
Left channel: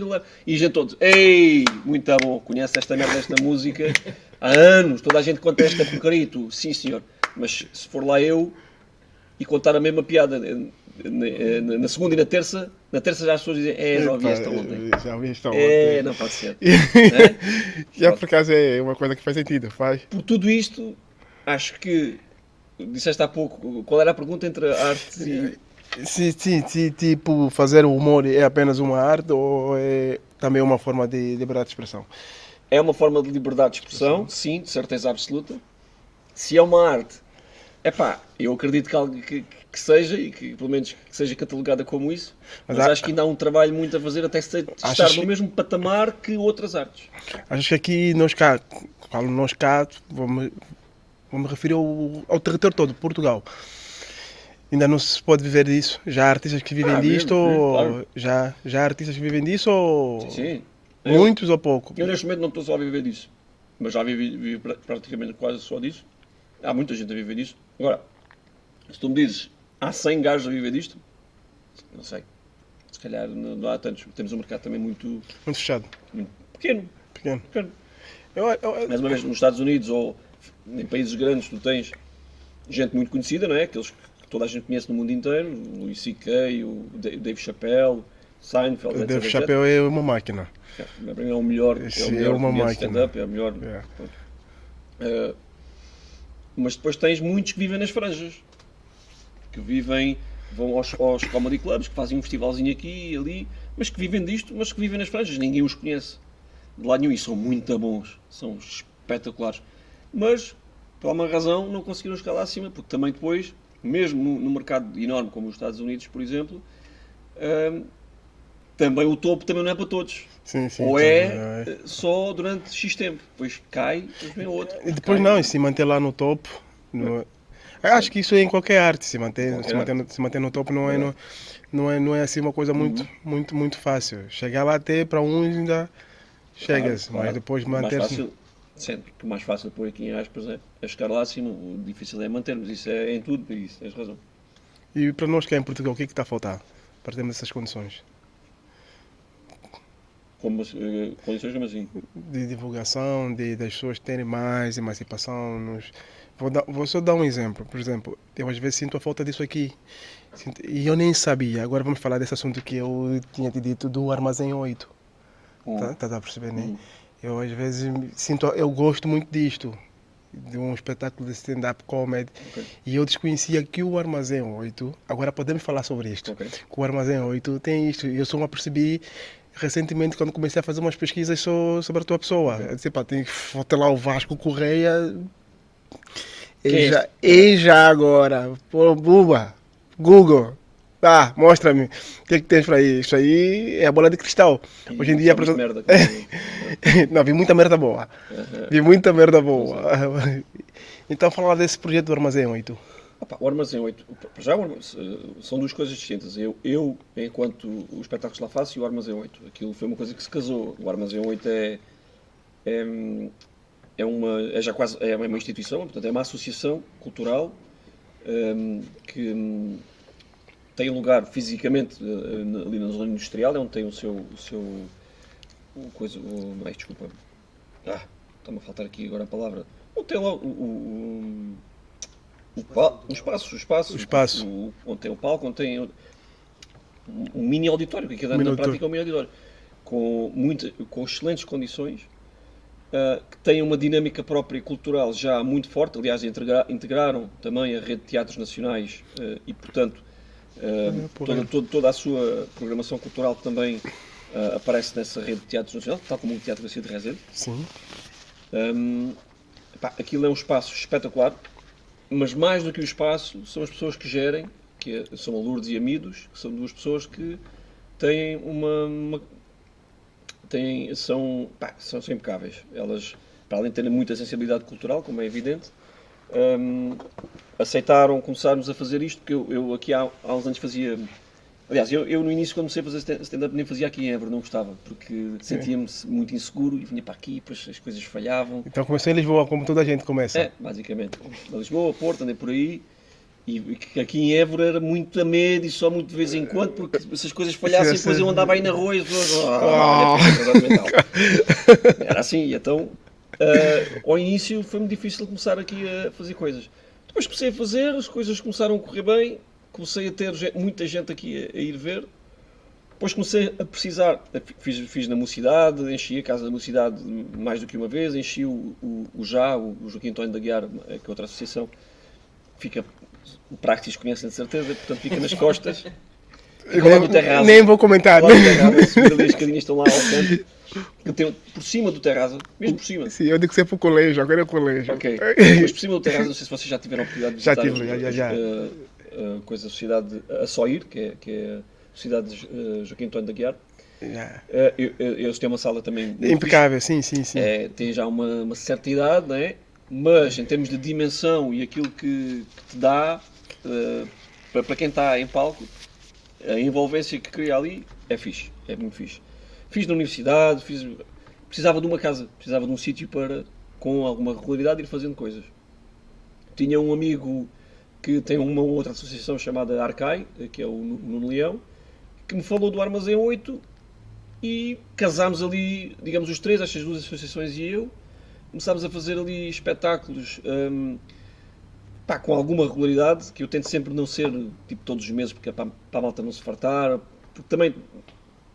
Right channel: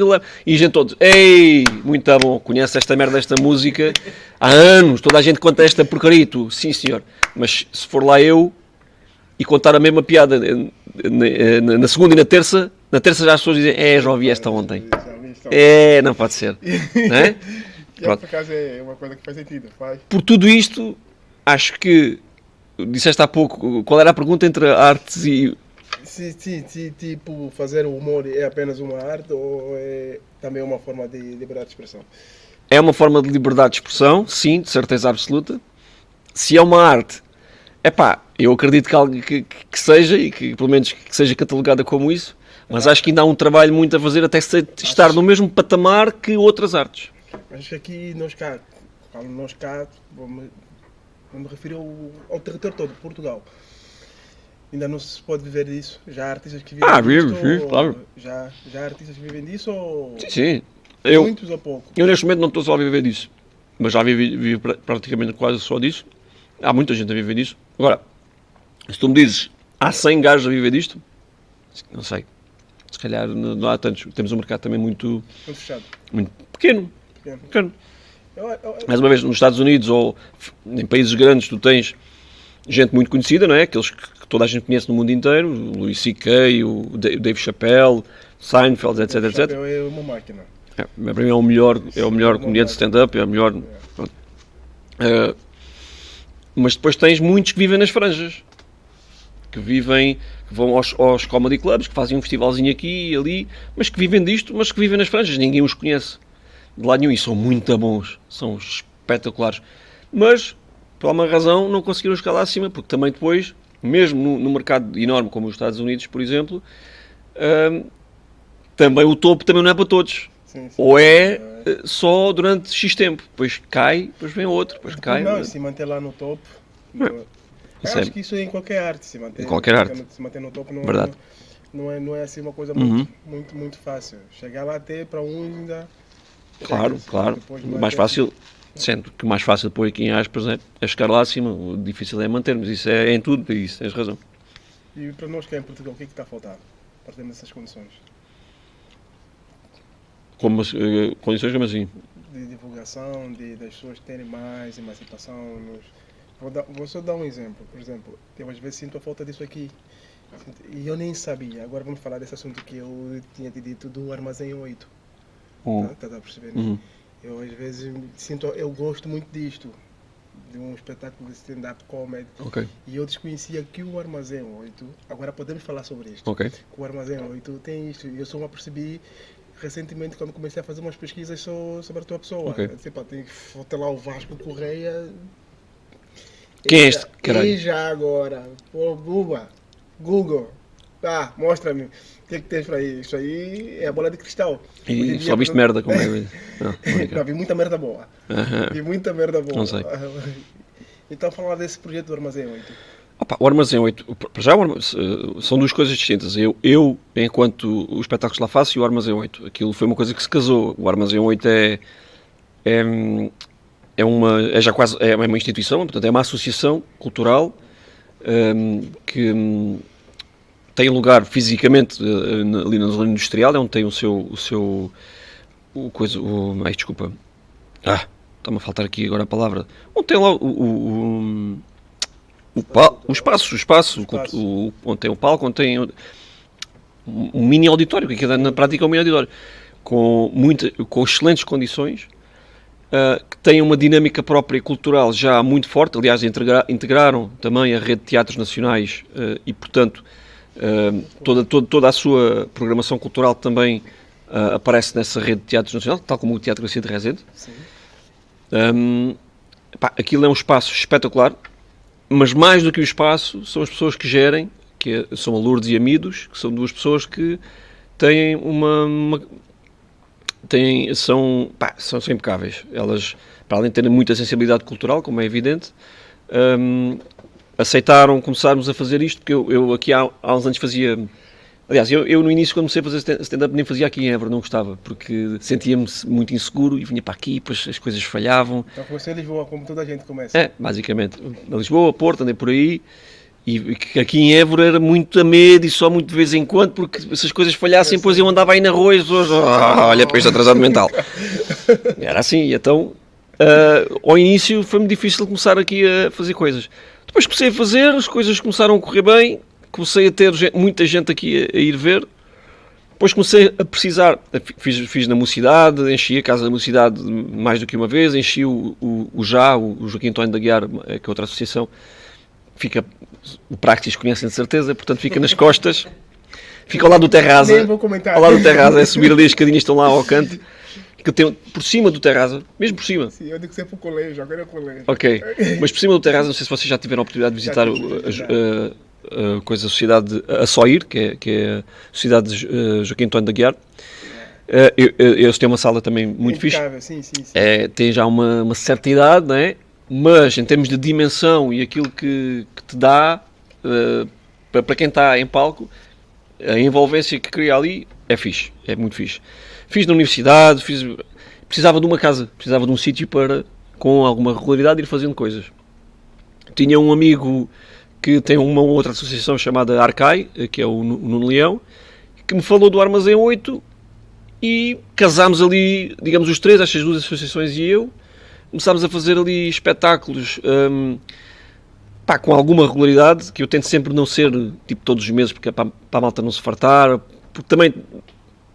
do Leme, e a gente todos, ei, muito bom, conhece esta merda, esta música, há anos, toda a gente conta esta porcaria, tu, sim senhor, mas se for lá eu e contar a mesma piada na segunda e na terça já as pessoas dizem, já ouvi esta ontem. Não pode ser. Não é? E por acaso é uma coisa que faz sentido, faz. Por tudo isto, acho que, disseste há pouco, qual era a pergunta entre artes e... Sim, tipo, fazer o humor é apenas uma arte ou é também uma forma de liberdade de expressão? é uma forma de liberdade de expressão, sim, de certeza absoluta. Se é uma arte, eu acredito que seja, e que pelo menos que seja catalogada como isso, mas acho que ainda há um trabalho muito a fazer até estar no mesmo patamar que outras artes. Acho que aqui nós cá, falo nós cá, vou me referir ao território todo, Portugal. Ainda não se pode viver disso. Já há artistas que vivem disto? Claro. Já há artistas que vivem disso? Ou... Sim. Muitos ou pouco? Eu neste momento não estou só a viver disso, mas já vivo praticamente quase só disso. Há muita gente a viver disso. Agora, se tu me dizes, há 100 gajos a viver disto? Não sei. Se calhar não há tantos. Temos um mercado também muito fechado. Muito pequeno. Pequeno. Mais uma vez, nos Estados Unidos ou em países grandes, tu tens gente muito conhecida, não é? Aqueles que toda a gente conhece no mundo inteiro, o Louis C.K., o Dave Chappelle, Seinfeld, etc. Dave Chappelle é uma máquina. Para mim é o melhor comediante de stand-up, é o melhor. Mas depois tens muitos que vivem nas franjas, vão aos comedy clubs, que fazem um festivalzinho aqui e ali, mas que vivem disto, mas que vivem nas franjas, ninguém os conhece de lado nenhum, e são muito bons, são espetaculares, mas por alguma razão não conseguiram chegar lá acima, porque também depois, mesmo no mercado enorme como os Estados Unidos, por exemplo, também o topo também não é para todos. Sim, ou só durante X tempo, depois cai, depois vem outro, depois cai. Não, e se manter lá no topo... Acho que isso é em qualquer arte, se manter no topo não é assim uma coisa muito fácil. Chegar lá até para uns ainda claro. Depois mais fácil, sempre que o mais fácil pôr aqui em aspas é chegar lá acima, o difícil é mantermos, isso é em tudo, isso tens razão. E para nós que é em Portugal, o que é que está a faltar para termos essas condições? Condições como assim? De divulgação, das pessoas terem mais emancipação. Vou só dar um exemplo. Por exemplo, eu às vezes sinto a falta disso aqui. E eu nem sabia. Agora vamos falar desse assunto que eu tinha te dito do Armazém 8. Tá a perceber, né? Eu às vezes eu gosto muito disto. De um espetáculo de stand-up comedy. Okay. E eu desconhecia que o Armazém 8, agora podemos falar sobre isto. Okay. Que o Armazém 8 tem isto. E eu só me apercebi recentemente quando comecei a fazer umas pesquisas sobre a tua pessoa. Okay. Eu disse, tem que botar lá o Vasco Correia. Quem é este? E já agora, pô, Buba, Google, mostra-me o que é que tens para aí. Isso aí é a bola de cristal. E hoje em dia, só viste merda. Não, vi muita merda boa. Vi muita merda boa. Então, falar desse projeto do Armazém 8. O Armazém 8, já são duas coisas distintas. Eu, enquanto o espetáculo que lá faço, e o Armazém 8. Aquilo foi uma coisa que se casou. O Armazém 8 é uma instituição, portanto é uma associação cultural que tem lugar fisicamente ali na zona industrial, é onde tem desculpa. Está-me a faltar aqui agora a palavra. Onde tem lá o espaço, onde tem o palco, onde tem um mini auditório, que na prática é um mini auditório, com excelentes condições. Que têm uma dinâmica própria cultural já muito forte, aliás integraram também a rede de teatros nacionais e portanto toda a sua programação cultural também aparece nessa rede de teatros nacionais, tal como o Teatro Garcia de Rezende. Sim. Aquilo é um espaço espetacular, mas mais do que o espaço são as pessoas que gerem, são a Lourdes e a Midos, que são duas pessoas que têm são impecáveis. Elas, para além de terem muita sensibilidade cultural, como é evidente, aceitaram começarmos a fazer isto, porque eu aqui há uns anos fazia... Aliás, eu no início, quando comecei a fazer stand-up, nem fazia aqui em Évora, não gostava, porque sentia-me muito inseguro e vinha para aqui, depois as coisas falhavam. Então comecei em Lisboa, como toda a gente começa. Basicamente. Na Lisboa, Porto, andei por aí. E aqui em Évora era muito a medo e só muito de vez em quando, porque se as coisas falhassem, depois eu andava aí na rua e as pessoas, olha para este atrasado mental. Era assim, então, ao início foi-me difícil começar aqui a fazer coisas. Depois comecei a fazer, as coisas começaram a correr bem, comecei a ter muita gente aqui a ir ver. Depois comecei a precisar, fiz na Mocidade, enchi a Casa da Mocidade mais do que uma vez, enchi o Joaquim António da Guiar, que é outra associação, o Praxis conhecem de certeza, portanto fica nas costas. Fica ao lado do Terraza. Nem vou comentar. Ao lado do Terraza, é subir ali as escadinhas que estão lá ao canto. Que tem por cima do Terraza, mesmo por cima. Sim, eu digo sempre o colégio, agora é o colégio. Ok, mas por cima do Terraza, não sei se vocês já tiveram a oportunidade de visitar a sociedade, a SOIR, que é a Sociedade de Joaquim António de Aguiar. Eles têm uma sala também muito impecável, fixe. sim. Tem já uma certa idade, não é? Mas em termos de dimensão e aquilo que te dá para quem está em palco, a envolvência que cria ali é fixe, é muito fixe. Fiz na universidade, precisava de uma casa, precisava de um sítio para, com alguma regularidade, ir fazendo coisas. Tinha um amigo que tem uma outra associação chamada Arcai, que é o Nuno Leão, que me falou do Armazém 8 e casámos ali, digamos, os três, estas duas associações e eu, começámos a fazer ali espetáculos com alguma regularidade, que eu tento sempre não ser tipo todos os meses, porque é para a malta não se fartar, porque também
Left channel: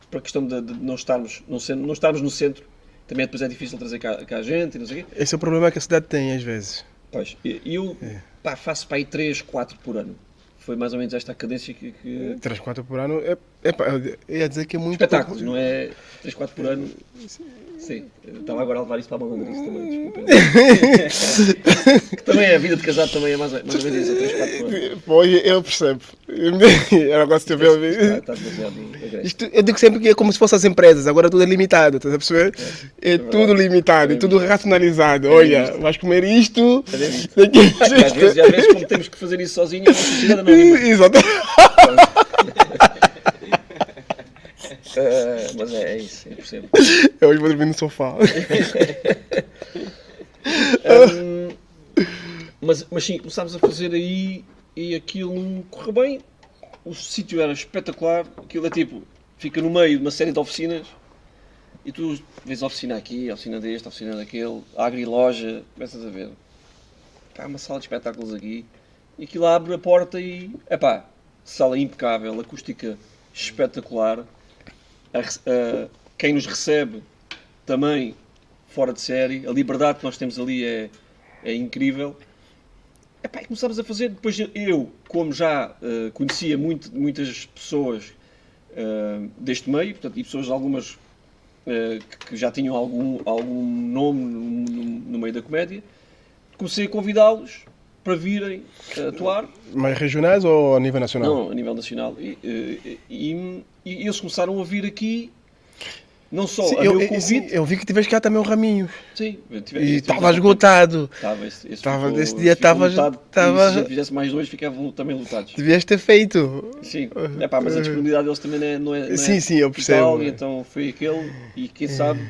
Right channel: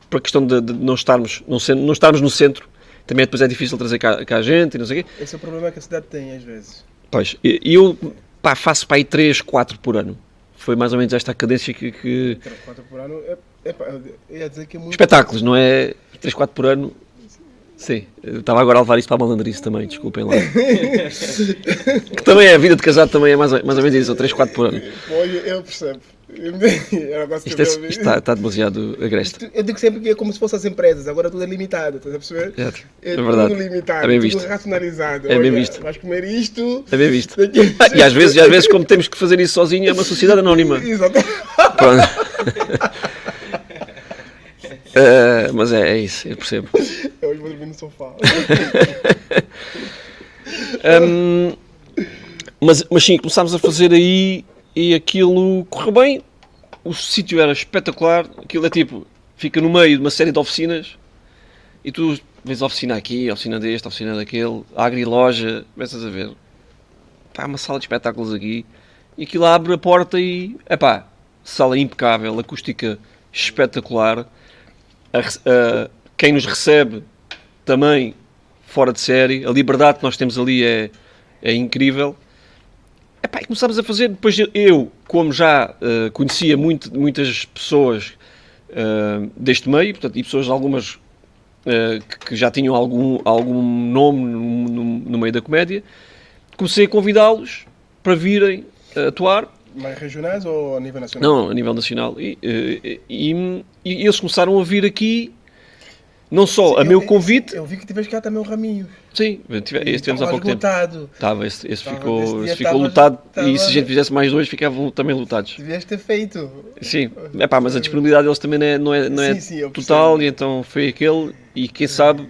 para a questão de não estarmos no centro, também depois é difícil trazer cá a gente e não sei o quê. Esse é o problema que a cidade tem às vezes. Pois, e eu faço para aí 3, 4 por ano. Foi mais ou menos esta a cadência que... 3, 4 por ano, eu ia dizer que é muito... Espetáculos, não é? 3, 4 por ano. Sim, eu estava agora a levar isto para a malandrice também, desculpem lá. Que também é, a vida de casado também é mais ou menos isso, 3, 4 por ano. Pois, eu percebo. Está demasiado agreste. Eu digo sempre que é como se fossem as empresas, agora tudo é limitado, estás a perceber? É tudo limitado, tudo racionalizado. Olha, vais comer isto... É bem visto. E às vezes, como temos que fazer isso sozinho, é uma sociedade anónima. Exatamente. Mas é isso, eu percebo. Eu hoje vou dormir no sofá. Mas sim, começámos a fazer aí e aquilo correu bem. O sítio era espetacular. Aquilo é tipo, fica no meio de uma série de oficinas e tu vês a oficina aqui, a oficina deste, a oficina daquele, a agriloja, começas a ver. Uma sala de espetáculos aqui e aquilo abre a porta e, sala impecável, acústica espetacular. Quem nos recebe também fora de série, a liberdade que nós temos ali é incrível. E começámos a fazer, depois eu, como já conhecia muitas pessoas deste meio, portanto, e pessoas algumas que já tinham algum nome no meio da comédia, comecei a convidá-los para virem atuar. Mais regionais ou a nível nacional? Não, a nível nacional. E eles começaram a vir aqui, não só sim, a meu convite... Eu vi que tiveste cá também o Raminhos. Sim. Estava esgotado. Esse ficou lotado. E se a gente fizesse mais 2, ficavam também lotados. Devias ter feito. Sim. Mas a disponibilidade deles também não é sim, eu total. E então foi aquele. E quem sabe...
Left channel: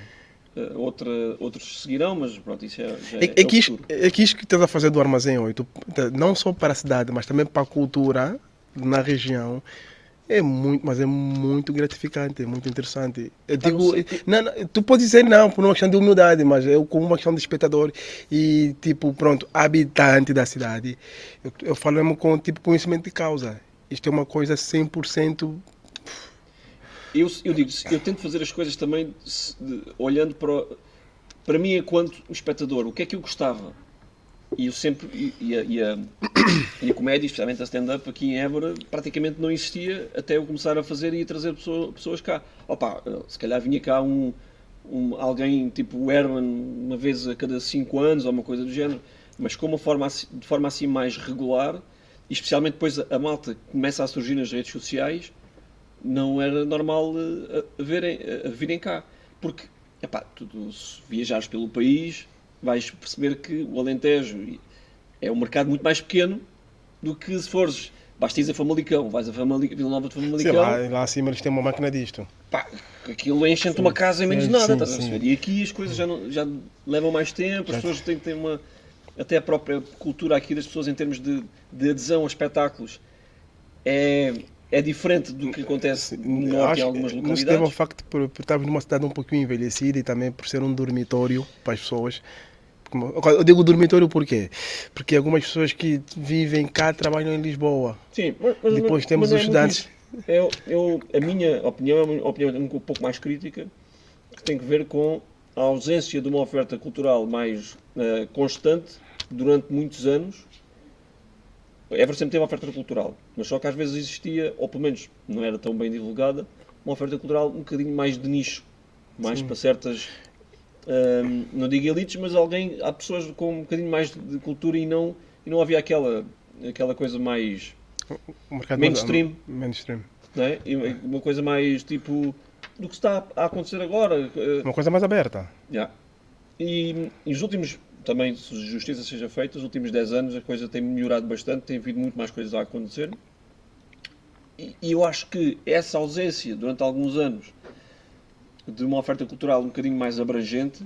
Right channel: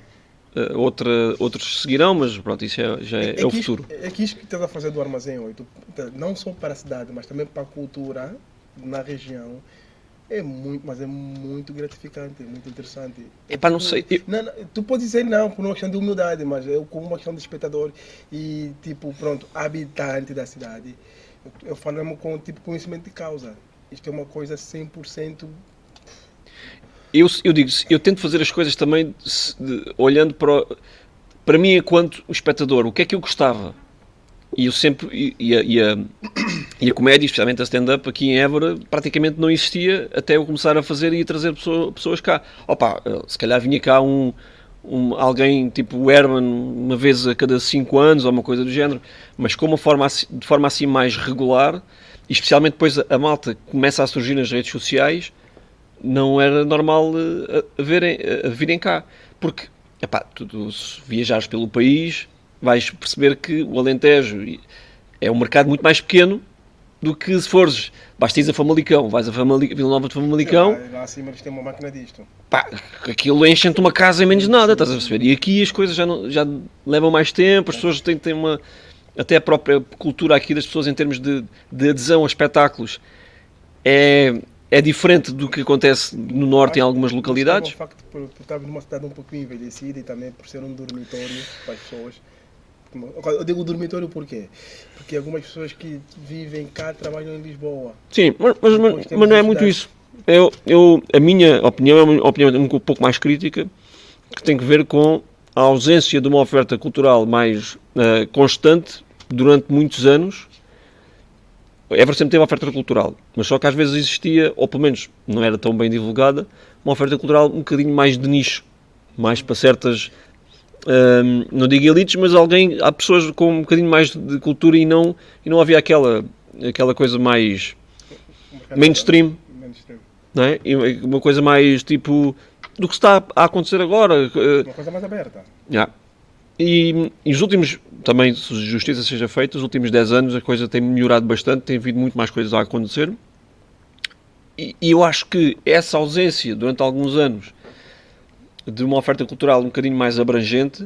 outros seguirão, mas pronto, isso já é o futuro. É que isto que estás a fazer do Armazém 8, não só para a cidade, mas também para a cultura na região, é muito gratificante, é muito interessante. Não sei. Tu podes dizer não por uma questão de humildade, mas eu como uma questão de espectador e habitante da cidade, eu falo mesmo com conhecimento de causa. Isto é uma coisa 100%... Eu digo, eu tento fazer as coisas também olhando para mim enquanto espectador, o que é que eu gostava. E eu sempre, e a comédia, especialmente a stand-up aqui em Évora, praticamente não existia até eu começar a fazer e a trazer pessoas cá. Se calhar vinha cá alguém tipo o Herman uma vez a cada 5 anos ou uma coisa do género, mas de forma assim mais regular, e especialmente depois a malta começa a surgir nas redes sociais, não era normal virem cá. Porque, tu se viajares pelo país, vais perceber que o Alentejo é um mercado muito mais pequeno do que se fores. Basta ir a Famalicão, vais a Vila Nova de Famalicão. Sim, lá acima eles têm uma máquina disto. Aquilo enche-te uma casa em menos de nada, estás a perceber? E aqui as coisas já levam mais tempo, as pessoas têm uma... Até a própria cultura aqui das pessoas em termos de adesão a espetáculos é diferente do que acontece no norte em algumas localidades. O facto por estarmos numa cidade um pouquinho envelhecida e também por ser um dormitório para as pessoas. Eu digo dormitório por quê? Porque algumas pessoas que vivem cá trabalham em Lisboa. Sim, mas não é muito isso. A minha opinião é uma opinião um pouco mais crítica, que tem que ver com a ausência de uma oferta cultural mais constante durante muitos anos, Évora sempre teve oferta cultural, mas só que às vezes existia, ou pelo menos não era tão bem divulgada, uma oferta cultural um bocadinho mais de nicho, mais para certas, não digo elites, mas há pessoas com um bocadinho mais de cultura e não havia aquela coisa mais mainstream, não é? E uma coisa mais tipo do que está a acontecer agora. Uma coisa mais aberta. Yeah. E os últimos, também, se justiça seja feita, os últimos 10 anos a coisa tem melhorado bastante, tem havido muito mais coisas a acontecer. E eu acho que essa ausência, durante alguns anos, de uma oferta cultural um bocadinho mais abrangente,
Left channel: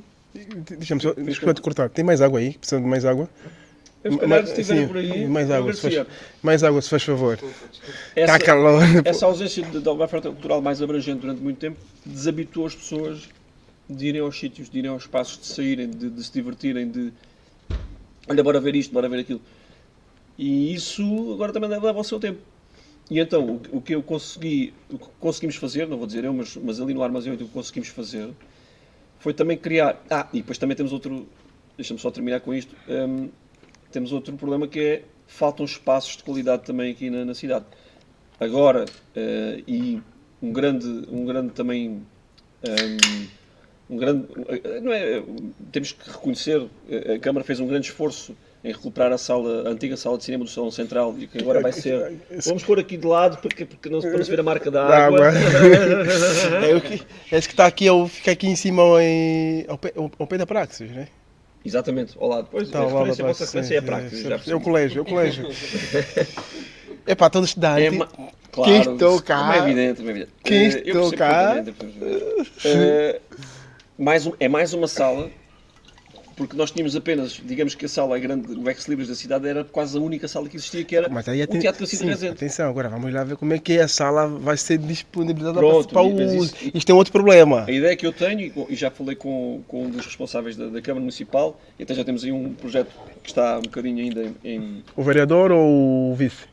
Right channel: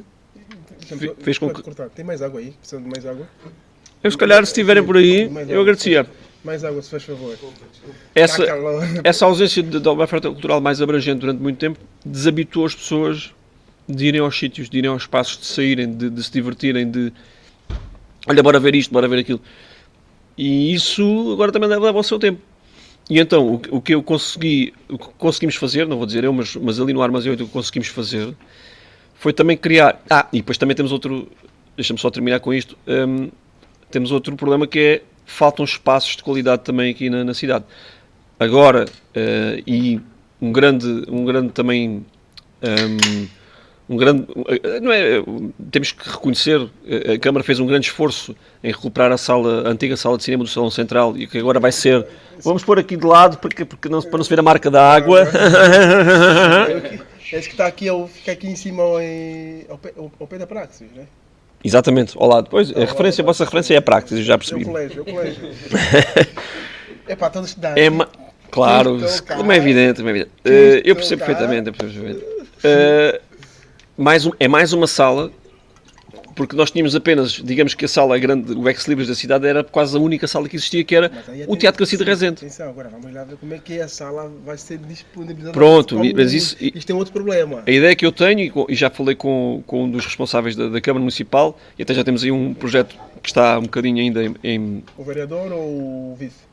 fez com que... cortar. Tem mais água aí? Precisam de mais água? Eu, se calhar, se estiverem por aí, eu agradecia. Mais água, se faz favor. Essa ausência de uma oferta cultural mais abrangente durante muito tempo desabituou as pessoas de irem aos sítios, de irem aos espaços, de saírem, de se divertirem, de olha, bora ver isto, bora ver aquilo. E isso agora também leva ao seu tempo. E então, o que conseguimos fazer, não vou dizer eu, mas ali no Armazém 8 o que conseguimos fazer foi também criar... e depois também temos outro... Deixa-me só terminar com isto. Temos outro problema que é faltam espaços de qualidade também aqui na cidade. Agora, e um grande também... não é, temos que reconhecer, a Câmara fez um grande esforço em recuperar a antiga sala de cinema do Salão Central e que agora vai ser... Vamos pôr aqui de lado para não se ver a marca da água. Esse que está aqui, fica aqui em cima ao pé da Praxis, né? Exatamente, ao lado. Pois, a vossa referência é a Praxis, já percebi. É o colégio. É para todos estudar. Claro, como é evidente. Eu percebo perfeitamente. É mais uma sala, porque nós tínhamos apenas, digamos que a sala grande, o ex-libris da cidade, era quase a única sala que existia, que era o Teatro Garcia de Rezende. Atenção, agora vamos lá ver como é que a sala vai ser disponibilizada. Pronto, mas isto é outro problema. A ideia que eu tenho, e já falei com um dos responsáveis da Câmara Municipal, e até já temos aí um projeto que está um bocadinho ainda em... O vereador ou o vice?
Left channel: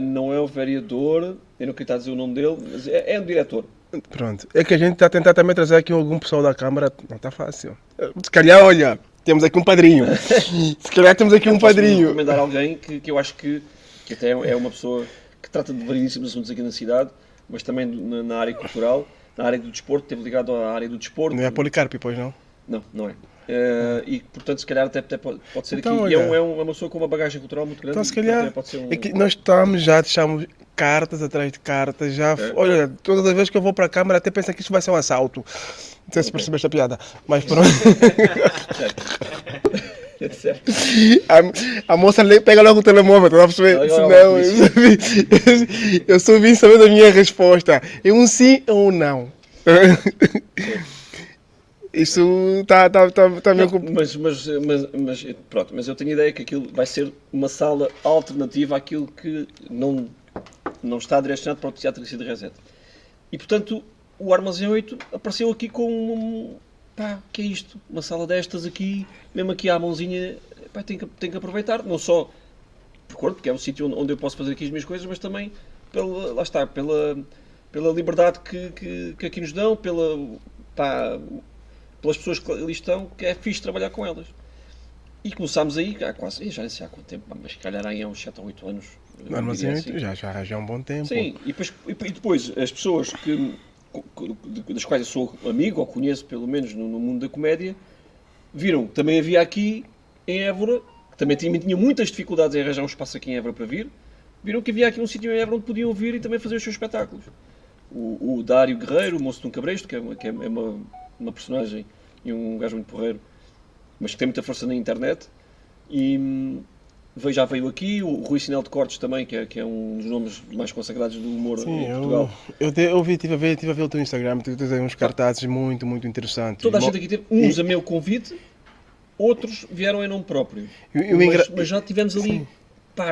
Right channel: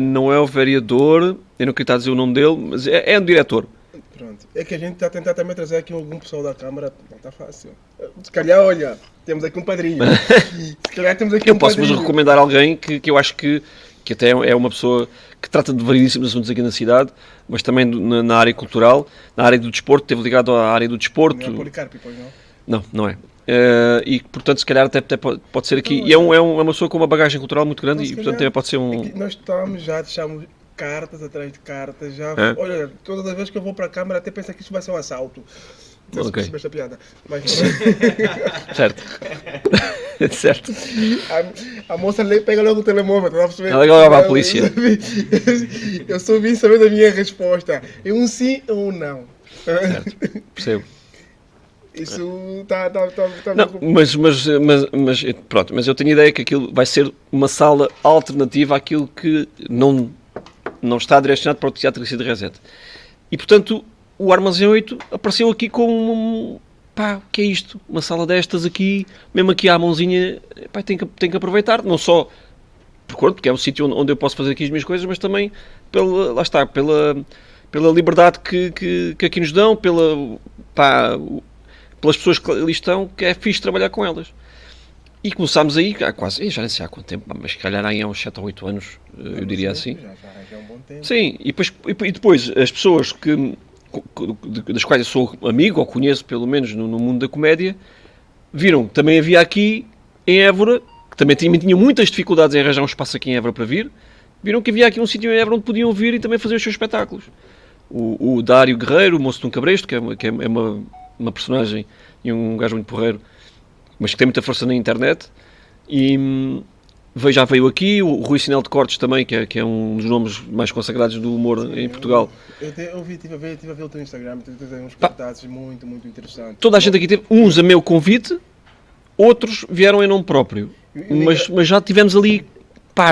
Não é o vereador, eu não queria estar a dizer o nome dele, mas é um diretor. Pronto. É que a gente está a tentar também trazer aqui algum pessoal da Câmara. Não está fácil. Se calhar, olha, temos aqui um padrinho. Se calhar temos aqui um padrinho. Posso recomendar alguém que eu acho que até é uma pessoa que trata de variedíssimos assuntos aqui na cidade, mas também na área cultural, na área do desporto, esteve ligado à área do desporto. Não é Policarpo, pois não? Não é. E portanto, se calhar até pode ser aqui. Então, e é uma pessoa com uma bagagem cultural muito grande então, e portanto pode ser um... É que nós deixamos cartas atrás de cartas, olha, todas as vezes que eu vou para a Câmara até penso que isso vai ser um assalto. Não sei se percebeu esta piada, mas pronto. Certo. A moça pega logo o telemóvel, está a perceber? Ela vai a polícia. Eu só vim saber da minha resposta. É um sim ou um não. Percebo. Isso está mas pronto, mas eu tenho a ideia que aquilo vai ser uma sala alternativa àquilo que não está direcionado para o Teatro Garcia de Rezende. E portanto, o Armazém 8 apareceu aqui como o que é isto? Uma sala destas aqui, mesmo aqui à mãozinha, tem que aproveitar, não só porque é um sítio onde eu posso fazer aqui as minhas coisas, mas também pela liberdade que aqui nos dão, pelas pessoas que ali estão, que é fixe trabalhar com elas. E começámos aí, quase, já nem sei há quanto tempo, mas se calhar aí há uns 7 ou 8 anos, eu diria assim. Já é um bom tempo. Sim, e depois as pessoas das quais eu sou amigo, ou conheço pelo menos no mundo da comédia, viram que também havia aqui em Évora, que também tinham muitas dificuldades em arranjar um espaço aqui em Évora para vir, viram que havia aqui um sítio em Évora onde podiam vir e também fazer os seus espetáculos. O Dário Guerreiro, o Moço de um Cabresto, que é uma personagem e um gajo muito porreiro, mas que tem muita força na internet, e já veio aqui, o Rui Sinel de Cortes também, que é um dos nomes mais consagrados do humor em Portugal. Eu estive a ver o teu Instagram, tu tens uns cartazes muito, muito interessantes. Toda a gente aqui teve, uns a meu convite, outros vieram em nome próprio, mas já tivemos ali,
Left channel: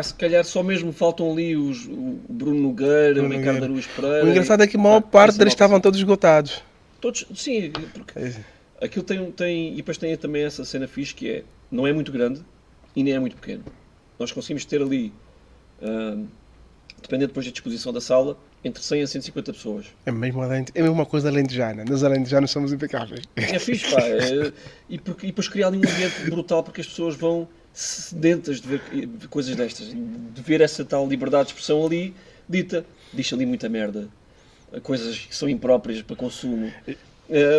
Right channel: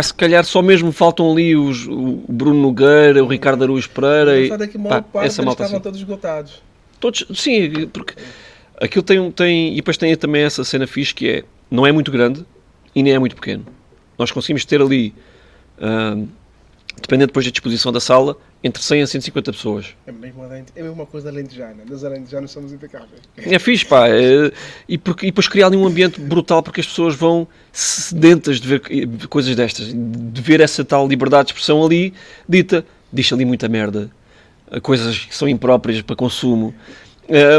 se calhar só mesmo faltam ali o Bruno Nogueira, o Ricardo Araújo Pereira. O engraçado é que a maior parte deles estavam todos esgotados. Todos, sim, porque aquilo tem e depois tem também essa cena fixe que não é muito grande e nem é muito pequeno. Nós conseguimos ter ali, dependendo depois da disposição da sala, entre 100 a 150 pessoas. É mesmo é uma coisa alentejana. Nós alentejanos somos impecáveis. É fixe, pá. E depois criar ali um ambiente brutal, porque as pessoas vão sedentas de ver coisas destas, de ver essa tal liberdade de expressão ali dita. Diz ali muita merda, coisas que são impróprias para consumo.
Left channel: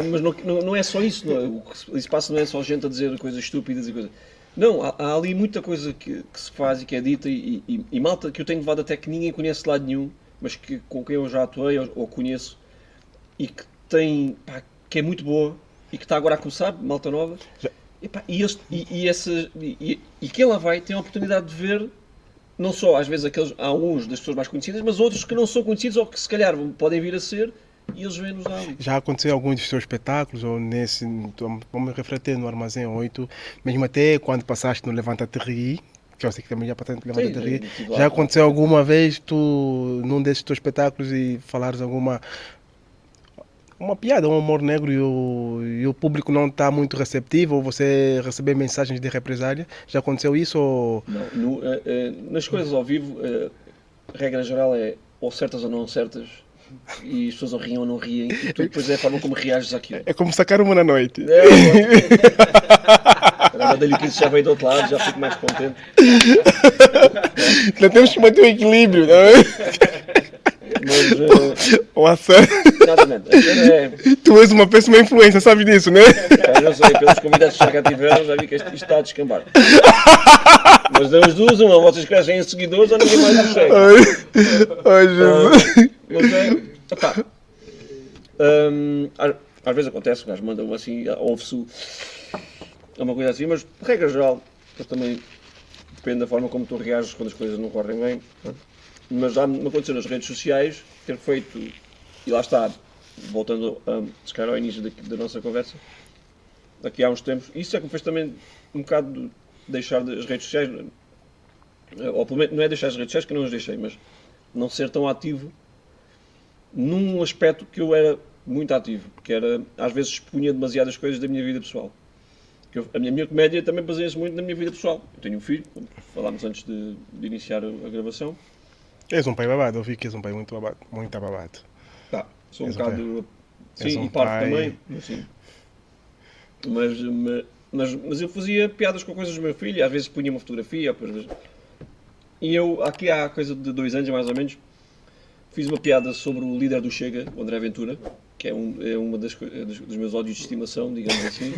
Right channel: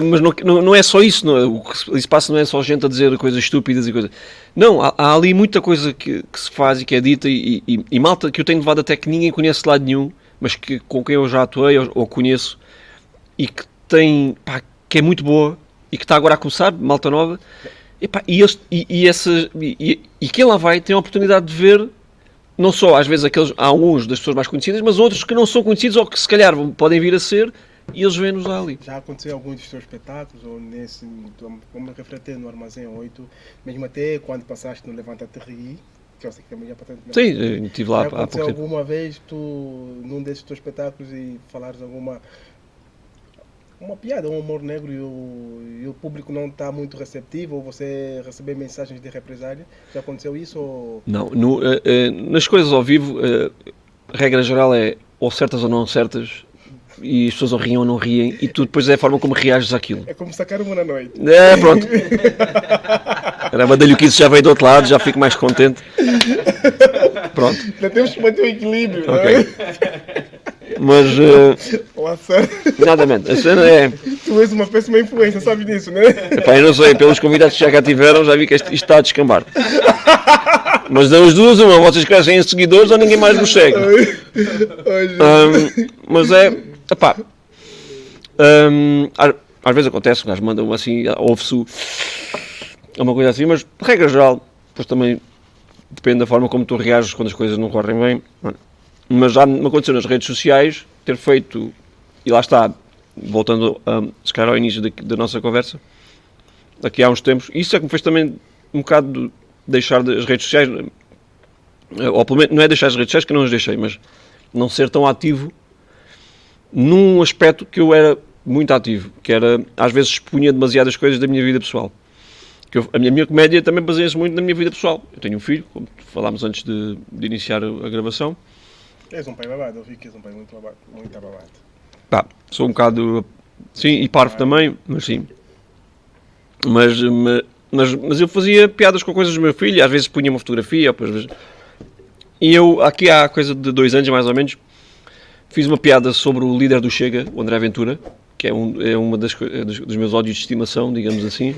Mas não é só isso, o que ali se passa não é só gente a dizer coisas estúpidas e coisas. Não, há ali muita coisa que se faz e que é dita e malta que eu tenho levado até que ninguém conhece de lado nenhum, mas com quem eu já atuei ou conheço e que tem, pá, que é muito boa e que está agora a começar, malta nova, e, pá, e quem lá vai tem a oportunidade de ver não só às vezes há alguns das pessoas mais conhecidas, mas outros que não são conhecidos ou que se calhar podem vir a ser e eles vêm-nos ali. Já aconteceu em alguns dos seus espetáculos, ou vamos refletir no Armazém 8, mesmo até quando passaste no Levanta-te Ri, que eu sei que também já passaste no Levanta-te Ri. Estive lá. Já aconteceu alguma vez tu, num desses teus espetáculos, e falares uma piada, um humor negro e o público não está muito receptivo, ou você receber mensagens de represália? Já aconteceu isso? Ou... Não, nas coisas ao vivo, a regra geral é ou certas ou não certas, e as pessoas ou riem ou não riem, e tu depois é a forma como reages àquilo. É como sacar uma na noite. Pronto. Caramba, dei-lhe o que isso já veio do outro lado, já fico mais contente. Pronto. Não temos que manter o equilíbrio, não é? Mas, nada menos. A cena é... Tu és uma péssima influência, sabes disso, não é? Epá, eu não sei, pelos convidados que já cá tiveram, já vi que isto está a descambar. Mas das duas, uma, vocês crescem em seguidores ou ninguém mais vos segue. Mas é... Epá, às vezes acontece, o gajo manda assim, ouve-se uma coisa assim, mas de regra geral, depois também depende da forma como tu reages quando as coisas não correm bem. Mas já me aconteceu nas redes sociais ter feito, e lá está, voltando se calhar ao início da nossa conversa, aqui há uns tempos, isso é que me fez também um bocado deixar as redes sociais, ou pelo menos não é deixar as redes sociais que eu não as deixei, mas não ser tão ativo num aspecto que eu era muito ativo, que era, às vezes expunha demasiadas coisas da minha vida pessoal. A minha comédia também baseia-se muito na minha vida pessoal. Eu tenho um filho, como falámos antes de iniciar a gravação. És um pai babado, eu vi que és um pai muito babado. Muito babado. Pá, sou um bocado... Sim, e parvo também, mas sim. Mas eu fazia piadas com coisas do meu filho, às vezes punha uma fotografia, às vezes... E eu, aqui há coisa de 2 anos, mais ou menos, fiz uma piada sobre o líder do Chega, o André Ventura, que é uma dos meus ódios de estimação, digamos assim.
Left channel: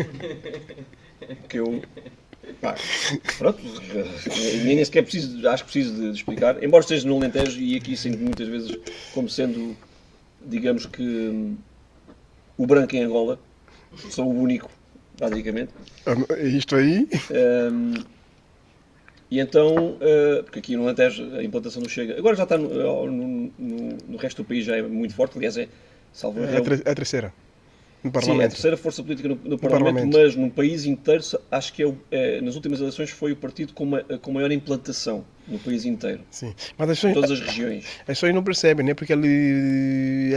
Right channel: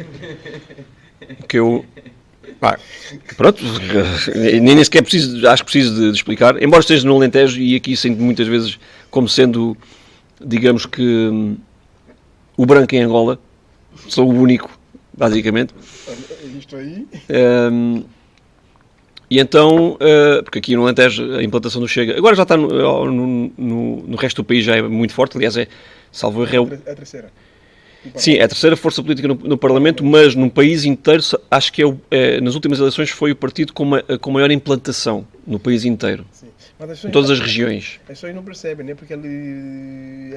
Que eu... Pá, pronto, nem sequer acho que preciso de explicar, embora esteja no Alentejo e aqui sinto muitas vezes como sendo, digamos que, o branco em Angola, sou o único, basicamente. Isto aí? E então, porque aqui no Alentejo a implantação do Chega, agora já está no resto do país, já é muito forte, aliás salvo erro. É a terceira. Sim, é a terceira força política no Parlamento, mas num país inteiro, acho que nas últimas eleições foi o partido com maior implantação no país inteiro. Sim. Mas em todas as regiões. As pessoas não percebem, né? Porque ele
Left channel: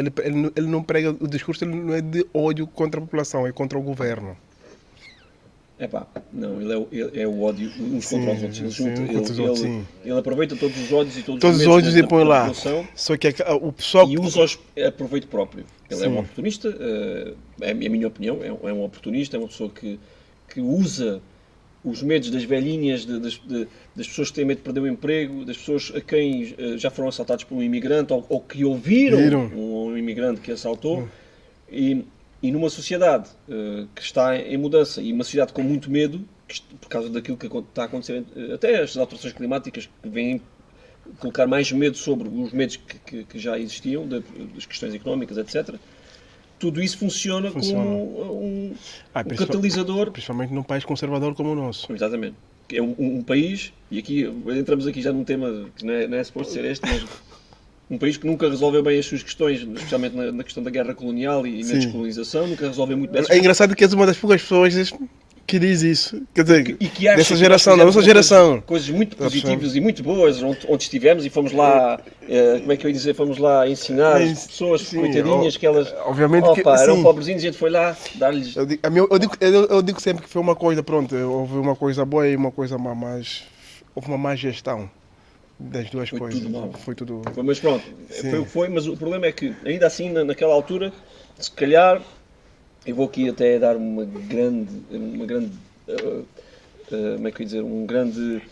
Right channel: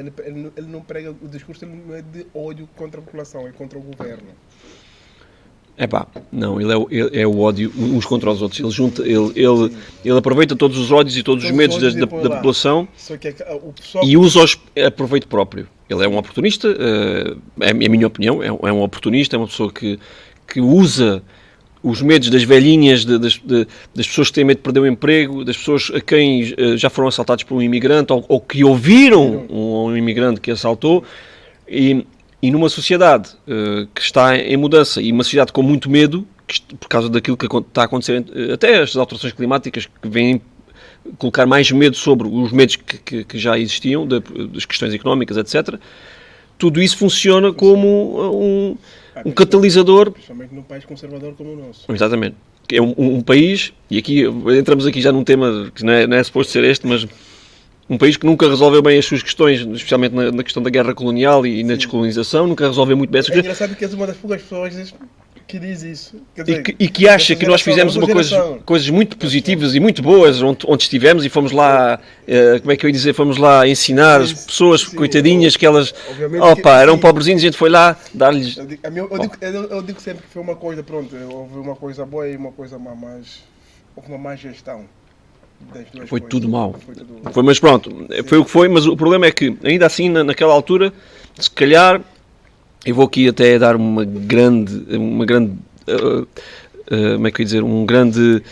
não prega, o discurso ele não é de ódio contra a população, é contra o governo. Não, ele é o ódio uns contra os outros. Ele junta, ele aproveita todos os ódios e todos os medos da população, só que o pessoal... e usa-os a proveito próprio. Ele é um oportunista, é a minha opinião, é um oportunista, é uma pessoa que usa os medos das velhinhas, das pessoas que têm medo de perder o emprego, das pessoas a quem já foram assaltados por um imigrante ou que ouviram um imigrante que assaltou, e numa sociedade que está em mudança e uma sociedade com muito medo, por causa daquilo que está a acontecer, até as alterações climáticas que vêm colocar mais medo sobre os medos que já existiam, das questões económicas, etc. Tudo isso funciona como um catalisador. Principalmente num país conservador como o nosso. Exatamente. É um país, e aqui entramos aqui já num tema que não é suposto ser este, mas um país que nunca resolveu bem as suas questões, especialmente na questão da guerra colonial e na descolonização, nunca resolveu muito bem essas coisas. É engraçado que és uma das poucas pessoas que diz isso. Quer dizer, e que acha que nós fizemos coisas muito positivas e muito boas onde estivemos e fomos lá, como é que eu ia dizer, fomos lá ensinar as pessoas, coitadinhas, que elas eram pobrezinhos, a gente foi lá dar-lhes... Eu digo sempre que foi uma coisa, pronto, houve uma coisa boa e uma coisa má, mas houve uma má gestão das duas Foi coisas. tudo mau. Foi tudo... Mas pronto, Sim. foi o que foi, mas o problema é que, ainda assim, naquela altura, se calhar, eu vou aqui até dar uma grande como é que eu ia dizer, uma grande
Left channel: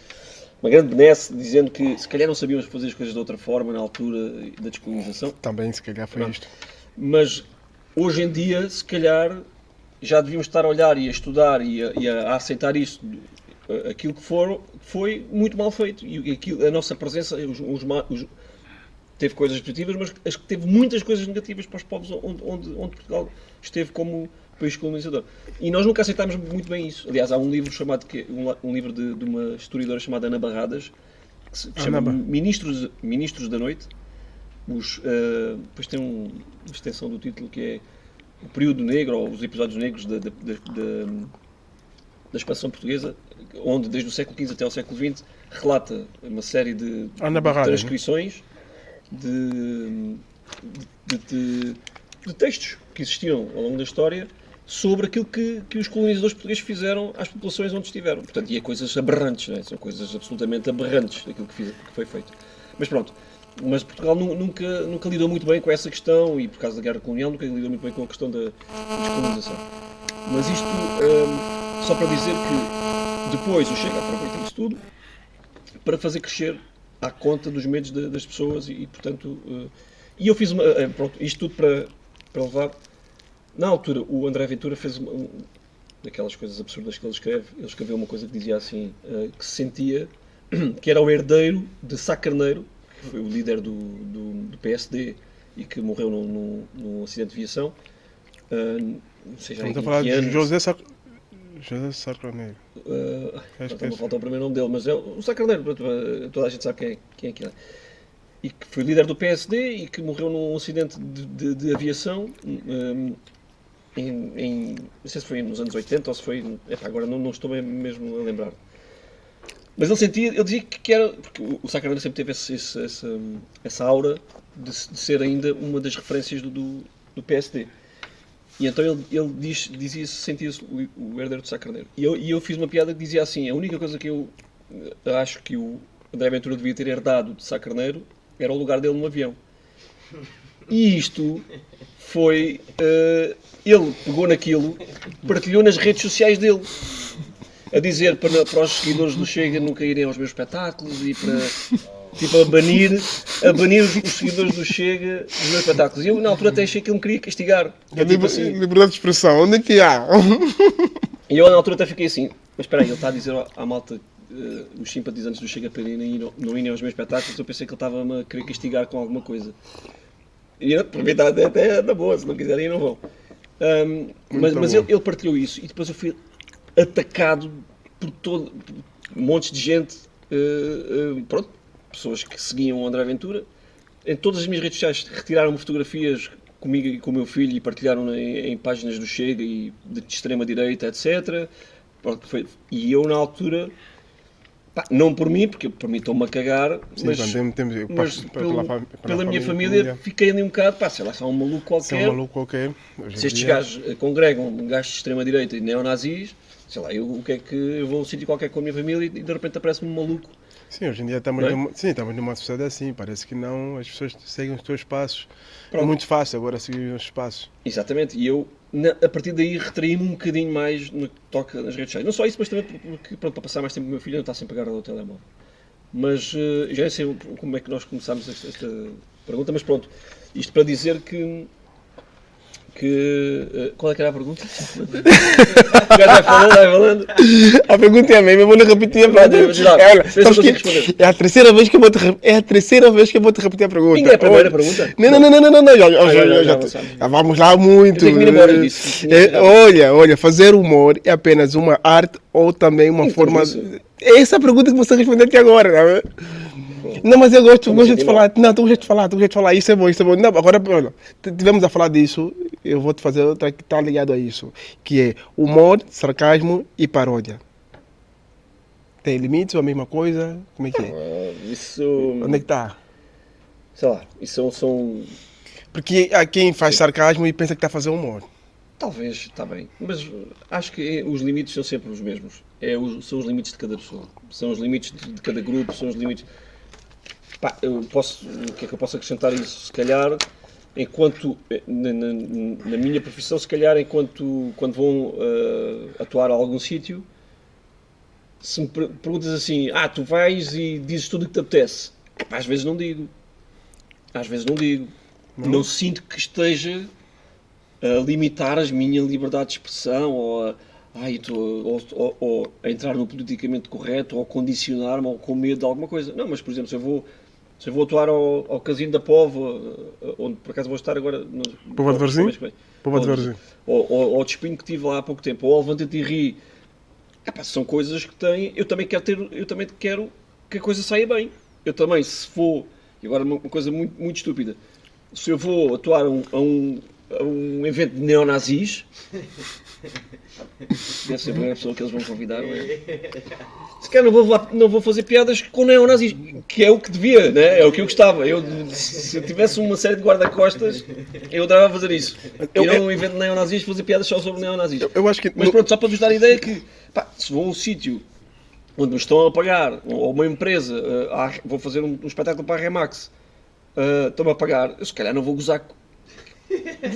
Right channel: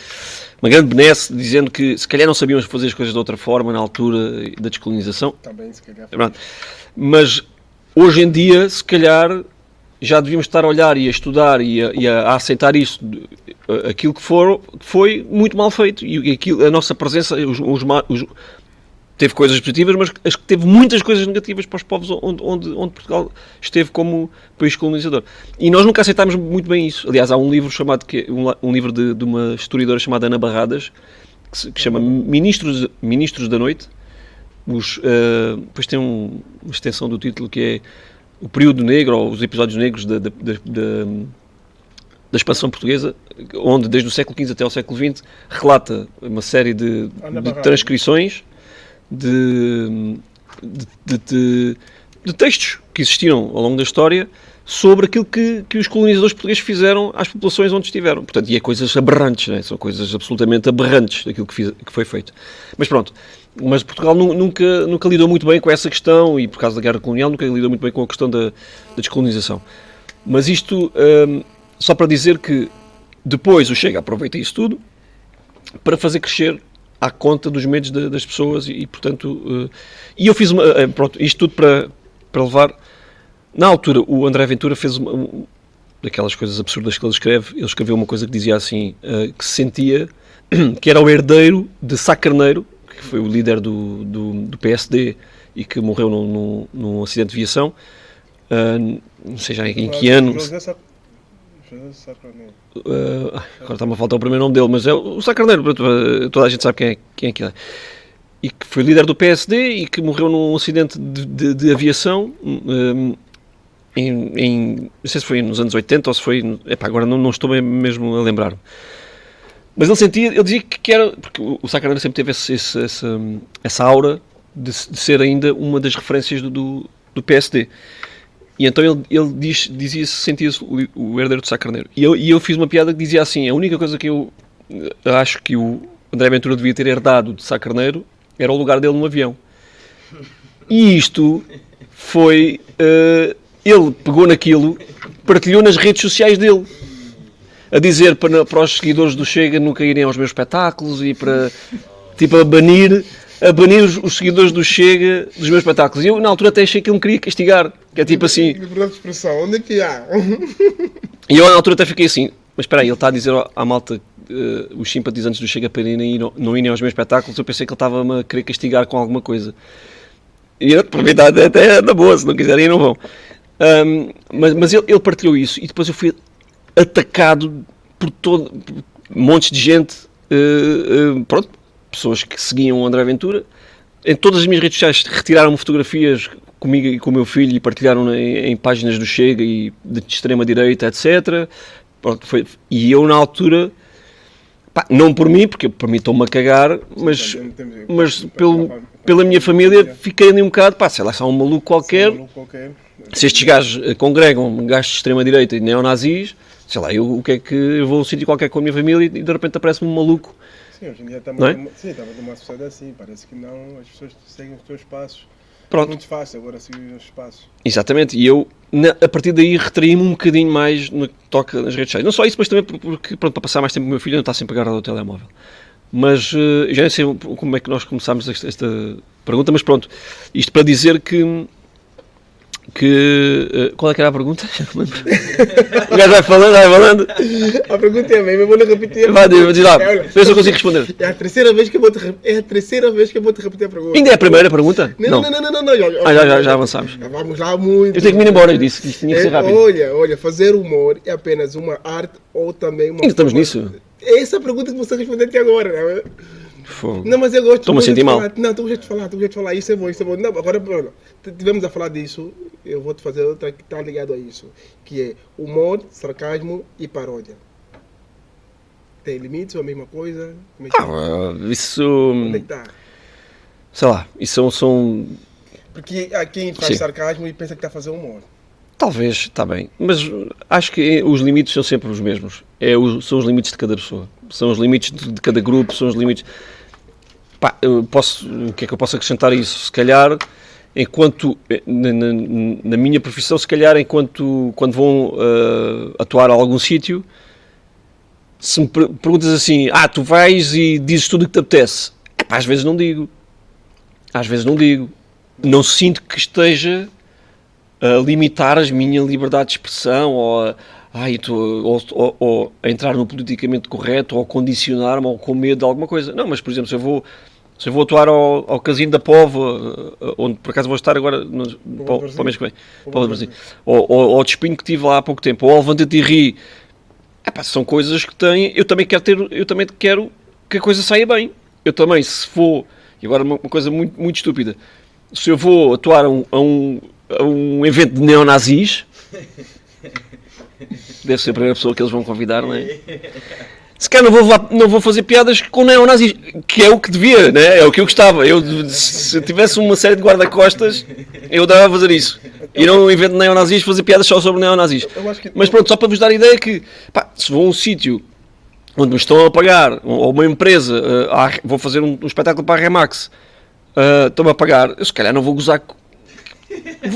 benesse, dizendo que se calhar não sabíamos fazer as coisas de outra forma na altura da descolonização. Também, se calhar, foi Pronto. isto. Mas hoje em dia, se calhar, já devíamos estar a olhar e a estudar e a aceitar isso, aquilo que foi muito mal feito. E aquilo, a nossa presença teve coisas positivas, mas acho que teve muitas coisas negativas para os povos onde Portugal esteve como país colonizador. E nós nunca aceitámos muito bem isso. Aliás, há um livro chamado um livro de uma historiadora chamada Ana Barradas, que se chama Ministros da Noite. Depois tem uma extensão do título que é o período negro, ou os episódios negros da expansão portuguesa, onde desde o século XV até ao século XX relata uma série de transcrições de textos que existiram ao longo da história sobre aquilo que os colonizadores portugueses fizeram às populações onde estiveram. Portanto, e é coisas aberrantes, não é? São coisas absolutamente aberrantes daquilo que foi feito. Mas pronto, mas Portugal nunca lidou muito bem com essa questão, e por causa da guerra colonial nunca lidou muito bem com a questão da descolonização. Mas isto só para dizer que depois o Chega aproveita isso tudo para fazer crescer à conta dos medos das pessoas e portanto... e eu fiz pronto, isto tudo para levar... Na altura, o André Ventura fez daquelas coisas absurdas que ele escreve. Ele escreveu uma coisa que dizia assim, que se sentia que era o herdeiro de Sá Carneiro, que foi o líder do PSD e que morreu num acidente de viação. Não sei já em que ano. José Sá Carneiro. Agora está-me a faltar o primeiro nome dele, mas é o Sá Carneiro, toda a gente sabe quem é que é. E que foi líder do PSD e que morreu num acidente de aviação não sei se foi nos anos 80 ou se foi... agora não estou mesmo a lembrar. Mas ele dizia que era... Porque o Sá Carneiro sempre teve essa aura de ser ainda uma das referências do PSD. E então ele sentia-se o herdeiro de Sá Carneiro. E eu fiz uma piada que dizia assim, a única coisa que eu acho que o André Ventura devia ter herdado de Sá Carneiro era o lugar dele no avião. E isto foi... ele pegou naquilo, partilhou nas redes sociais dele, a dizer para os seguidores do Chega nunca irem aos meus espetáculos e para... Tipo, a banir os seguidores do Chega dos meus espetáculos. E eu, na altura, até achei que ele me queria castigar. Que é tipo assim... Liberdade de expressão, onde é que há? E eu, na altura, até fiquei assim... Mas espera aí, ele está a dizer à malta... os simpatizantes do Chega para não irem aos meus espetáculos. Eu pensei que ele estava-me a querer castigar com alguma coisa. E eu, para mim, até na boa. Se não quiserem, não vão. Mas ele partilhou isso. E depois eu fui atacado por montes de gente. Pronto. Pessoas que seguiam o André Ventura. Em todas as minhas redes sociais retiraram-me fotografias comigo e com o meu filho e partilharam em páginas do Chega e de extrema-direita, etc. Pronto, e eu, na altura, não por mim, porque por mim estou-me a cagar, mas pela minha família fiquei ali um bocado, sei lá, só um maluco qualquer. Se estes gajos congregam gajos de extrema-direita e neonazis, sei lá, o que é que eu vou sentir qualquer com a minha família e de repente aparece-me um maluco. Sim, hoje em dia estamos numa sociedade assim, parece que não, as pessoas seguem os teus passos. Pronto. É muito fácil agora seguir os passos. Exatamente, e eu, a partir daí, retraí-me um bocadinho mais no que toca nas redes sociais. Não só isso, mas também porque, pronto, para passar mais tempo com o meu filho, não está sempre agarrado ao telemóvel. Mas já nem sei como é que nós começámos esta pergunta, mas pronto, isto para dizer que qual é que era a pergunta? O gajo vai falando. A pergunta é a mesma, eu vou lhe repetir. Se eu consigo responder. É a terceira vez que eu vou te repetir a pergunta. Ainda é a primeira pergunta? Não. Já avançamos. Vamos lá muito. Eu tenho que me ir embora disso. Olha, fazer humor é apenas uma arte ou também uma forma... É essa a pergunta que você respondeu até agora, não é? Não, mas eu gosto de falar. Não, tu gosto de falar. Isso é bom. Não, agora, tivemos a falar disso. Eu vou te fazer outra que está ligado a isso. Que é humor, sarcasmo e paródia. Tem limites ou a mesma coisa? Como é que é? Isso... Onde é que está? Sei lá, isso são... Porque há quem faz sarcasmo e pensa que está a fazer humor. Talvez, está bem. Mas acho que os limites são sempre os mesmos. São os limites de cada pessoa. São os limites de cada grupo, são os limites... Pá, o que é que eu posso acrescentar a isso? Se calhar, enquanto, na minha profissão, se calhar, quando vão atuar a algum sítio, se me perguntas assim, tu vais e dizes tudo o que te apetece, pá, às vezes não digo. Não sinto que esteja a limitar a minha liberdade de expressão ou a entrar no politicamente correto ou a condicionar-me ou com medo de alguma coisa. Não, mas por exemplo, se eu vou atuar ao Casino da Póvoa, onde por acaso vou estar agora para o mês que vem, ou ao Despinho que tive lá há pouco tempo, ou ao Levanta-te e Ri, são coisas que têm. Eu também quero que a coisa saia bem. Eu também, se for. E agora uma coisa muito, muito estúpida. Se eu vou atuar a um evento de neonazis, deve ser a primeira pessoa que eles vão convidar, não é? Se calhar não vou fazer piadas com neonazis, que é o que devia, né? É o que eu gostava. Se eu tivesse uma série de guarda-costas, eu dava a fazer isso. Ir a um evento de neonazis, fazer piadas só sobre neonazis. Mas pronto, só para vos dar a ideia que, se vou a um sítio onde me estão a pagar, ou uma empresa, vou fazer um espetáculo para a Remax, estão-me a pagar, eu se calhar não vou gozar.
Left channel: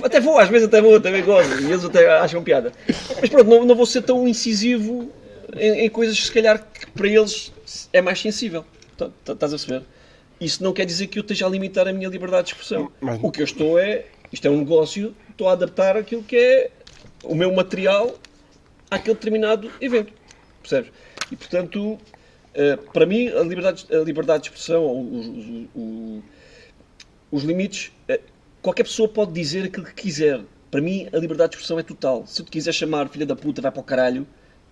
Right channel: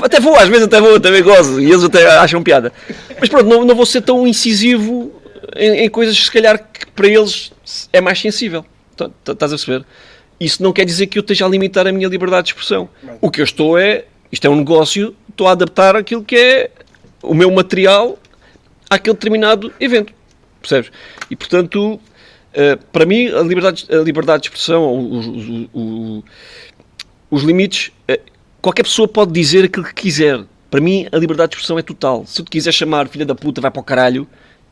Até vou, às vezes também gozo, e eles até acham piada. Mas pronto, não vou ser tão incisivo em coisas que se calhar que para eles é mais sensível. Estás a perceber? Isso não quer dizer que eu esteja a limitar a minha liberdade de expressão. O que eu estou isto é um negócio, estou a adaptar aquilo que é o meu material àquele determinado evento. Percebes? E portanto, para mim, a liberdade de expressão, os limites, qualquer pessoa pode dizer aquilo que quiser. Para mim, a liberdade de expressão é total. Se eu te quiser chamar filha da puta, vai para o caralho,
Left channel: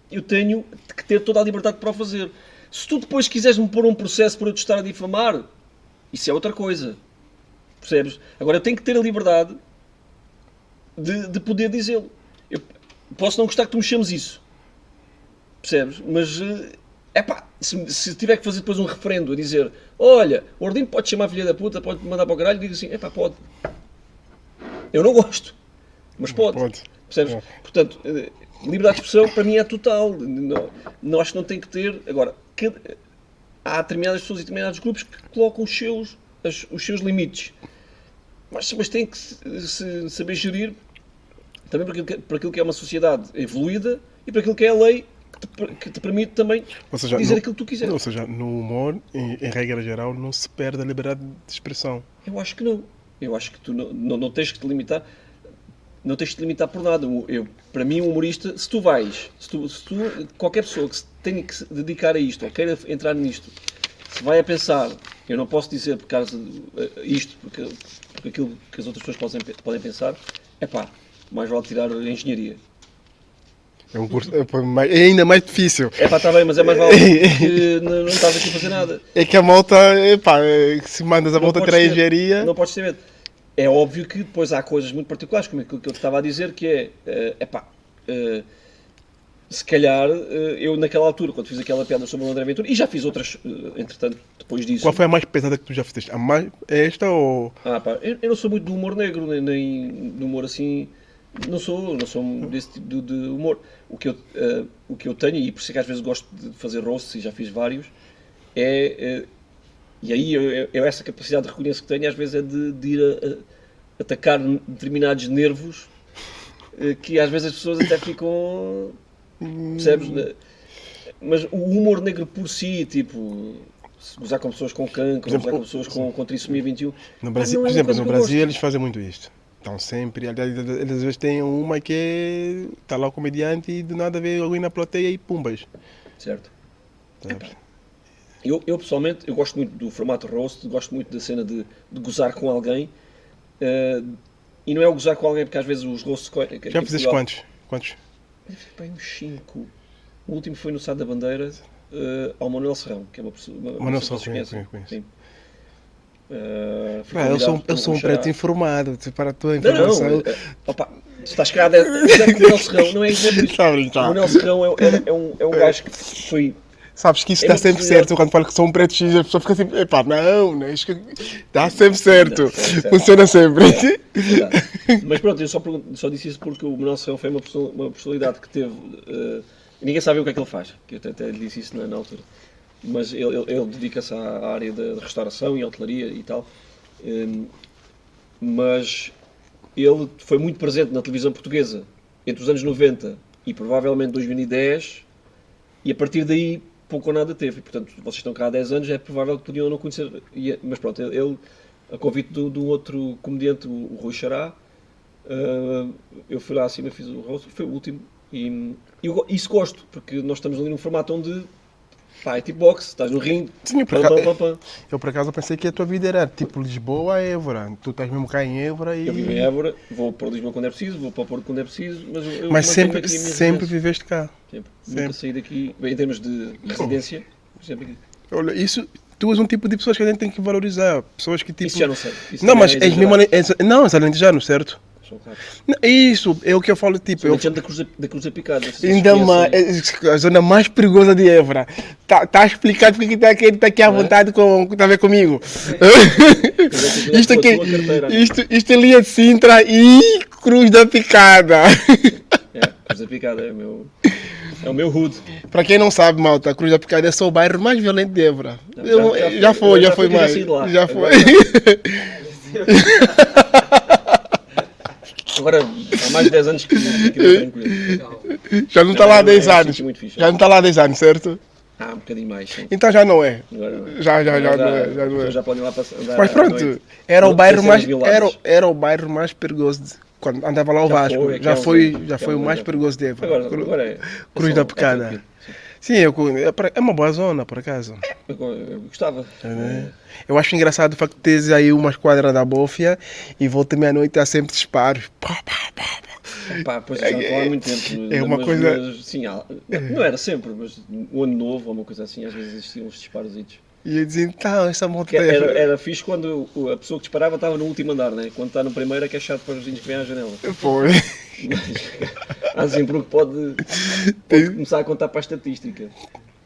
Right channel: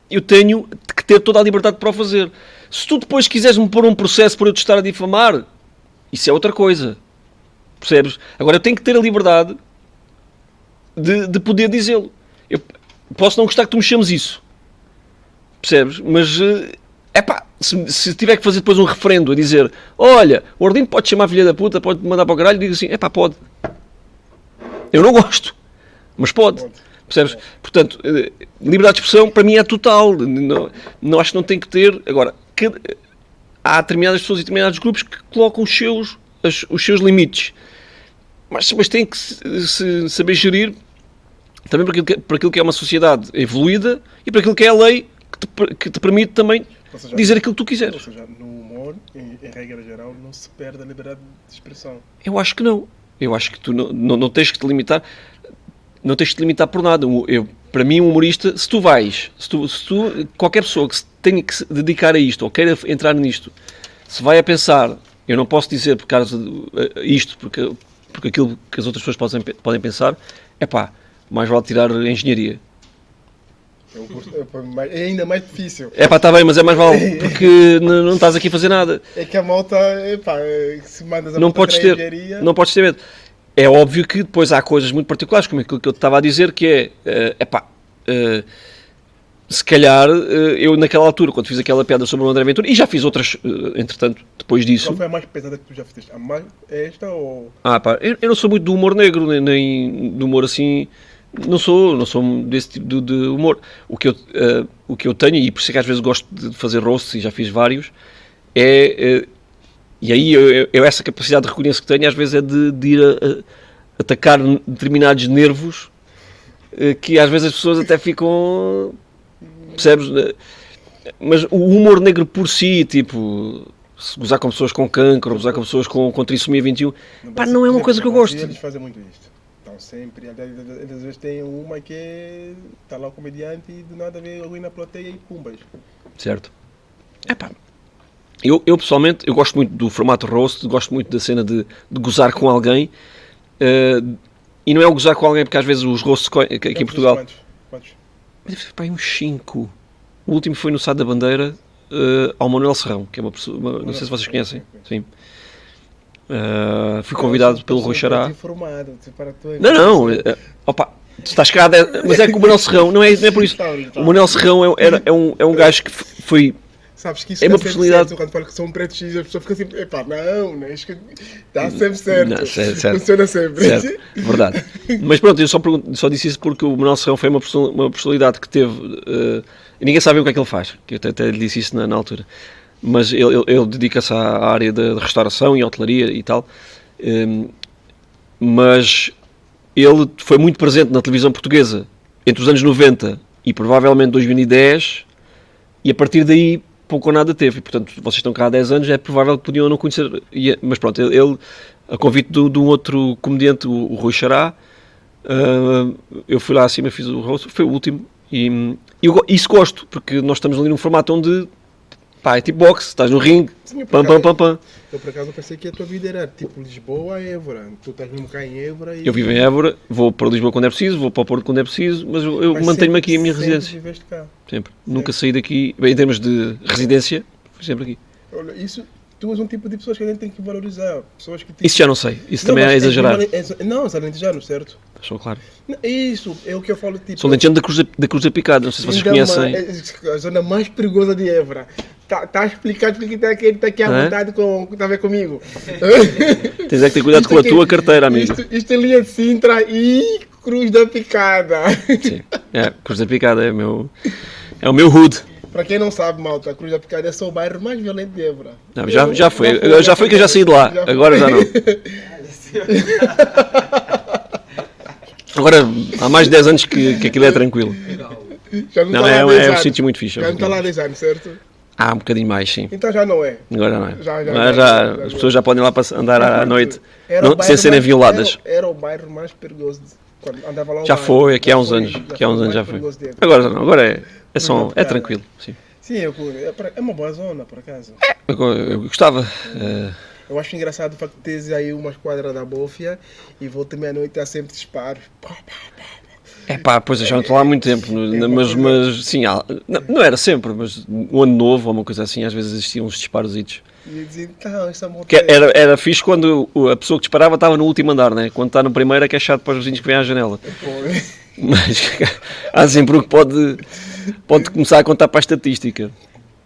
eu tenho que ter toda a liberdade para o fazer. Se tu depois quiseres-me pôr um processo por eu te estar a difamar, isso é outra coisa. Percebes? Agora, eu tenho que ter a liberdade de poder dizê-lo. Eu posso não gostar que tu me chames isso. Percebes? Mas, se tiver que fazer depois um referendo a dizer, olha, o Ordino pode chamar filha da puta, pode mandar para o caralho, e digo assim, pode. Eu não gosto, mas pode. Percebes? Portanto, liberdade de expressão para mim é total. Não acho que não tem que ter. Agora, há determinadas pessoas e determinados grupos que colocam os seus limites. Mas têm que se saber gerir também para aquilo que é uma sociedade evoluída e para aquilo que é a lei que te permite também dizer aquilo que tu quiseres. Ou seja, no humor, em regra geral, não se perde a liberdade de expressão. Eu acho que não. Eu acho que tu não tens que te limitar. Não tens que te limitar por nada. Para mim, um humorista, se tu qualquer pessoa que tenha que se dedicar a isto ou queira entrar nisto, se vai a pensar, eu não posso dizer por causa isto, porque aquilo que as outras pessoas podem pensar, mais vale tirar a engenharia. É um curso, é ainda mais difícil. Está bem, mas é mais vale, porque não estás aqui a fazer nada. É que a malta, se mandas a malta para a engenharia... Não podes ter medo. É óbvio que depois há coisas muito particulares, como aquilo que eu te estava a dizer, que se calhar, eu naquela altura, quando fiz aquela piada sobre o André Ventura, e já fiz outras, entretanto, depois disso... Qual foi a mais pesada que tu já fizeste? É esta ou... Eu não sou muito do humor negro, nem do humor assim... Não sou desse tipo de humor. O que eu tenho, e por isso é que às vezes gosto de fazer roasts, e já fiz vários, e aí eu essa capacidade de reconhecer que tenho, às vezes é de ir a atacar determinados nervos que às vezes as pessoas até ficam... Percebes? Mas o humor negro por si, tipo... Gozar com pessoas com cancro, gozar com pessoas com trissomia 21, não é uma coisa que eu gosto. No Brasil eles fazem muito isto. Estão sempre, eles às vezes têm uma que está lá o comediante e do nada vê alguém na plateia e pumbas. Certo. Eu pessoalmente, eu gosto muito do formato roast, gosto muito da cena de gozar com alguém, e não é o gozar com alguém porque às vezes os roasts aqui em Portugal... Quantos? Uns 5. O último foi no Sá da Bandeira, ao Manuel Serrão, que é uma pessoa, não sei se vocês conhecem. Sim. Fui convidado pelo Rui Xará. Informado, para tu não, tu estás cagado, mas é que o Manuel Serrão, não é por isso. O Manuel Serrão é um gajo que foi... Sabes que isso está sempre certo, quando falo que sou um preto X, a pessoa fica sempre, não, isto está sempre certo, funciona sempre. Certo. Verdade. Mas pronto, eu só disse isso porque o Manuel Serrão foi uma personalidade que teve, e ninguém sabe o que é que ele faz, que eu até lhe disse isso na altura. mas ele dedica-se à área de restauração e hotelaria e tal. Mas ele foi muito presente na televisão portuguesa entre os anos 90 e provavelmente 2010, e a partir daí pouco ou nada teve. Portanto, vocês estão cá há 10 anos, é provável que podiam não conhecer. Mas pronto, ele a convite de um outro comediante, o Rui Xará, eu fui lá acima, fiz o rosto, foi o último, e isso gosto, porque nós estamos ali num formato onde pá, é tipo boxe, estás no ringue, Sim, pam, pam, pam, pam. Eu por acaso pensei que a tua vida era tipo Lisboa a Évora. Tu estás mesmo cá em Évora e... Eu vivo em Évora, vou para Lisboa quando é preciso, vou para o Porto quando é preciso, mas eu Mas mantenho-me aqui a minha sempre residência. viveste cá. Sempre. Sempre. Nunca saí daqui, bem, em termos de residência, fui sempre aqui. Olha, isso, tu és um tipo de pessoas que a gente tem que valorizar. Pessoas que tipo... Isso já não sei, isso Não, também mas é exagerado. Não, és alentejano, certo? Sou claro. Não, isso, é o que eu falo, tipo... Sou lentejano da Cruz da Picada, não sei se vocês ainda conhecem. a zona mais perigosa de Évora. Tá explicado porque está aqui à Não é? vontade está a ver comigo. Tens é que ter cuidado com a tua carteira, amigo. Isto é linha de Sintra e Cruz da Picada. Sim. É, Cruz da Picada é o meu hood. Para quem não sabe, malta, a Cruz da Picada é só o bairro mais violento de Évora. Não, já foi que eu já saí de lá. Agora já não. Agora há mais de 10 anos que aquilo é tranquilo. Já não Não, está lá há 10 é um anos. sítio muito fixe. Já não está lá há 10 anos, certo? Há um bocadinho mais, sim. Então já não é. Agora não é. Já, As pessoas já podem lá andar Mas à pronto, noite era o sem bairro serem mais, violadas. era o bairro mais perigoso quando andava lá o Já Vasco. foi, aqui há uns foi, anos. Já Aqui há foi uns o anos mais já foi. perigoso de Évora. Agora não, agora é Cruz da Picada. tranquilo. Sim. Sim, é uma boa zona, por acaso. Eu gostava. Eu acho engraçado o facto de teres aí uma esquadra da Bófia e volta meia-noite há sempre disparos. Pá, pá, pá, pá. Pá, pois eu já não estou lá há muito tempo, uma mas, coisa- mas sim, não era sempre, mas um ano novo ou uma coisa assim, às vezes existiam uns disparositos. E eu dizia, tá, essa moto Que era fixe quando a pessoa que disparava estava no último andar, né? Quando está no primeiro é que é chato para os vizinhos que vêm à janela. Foi. Mas há sempre um que pode começar a contar para a estatística.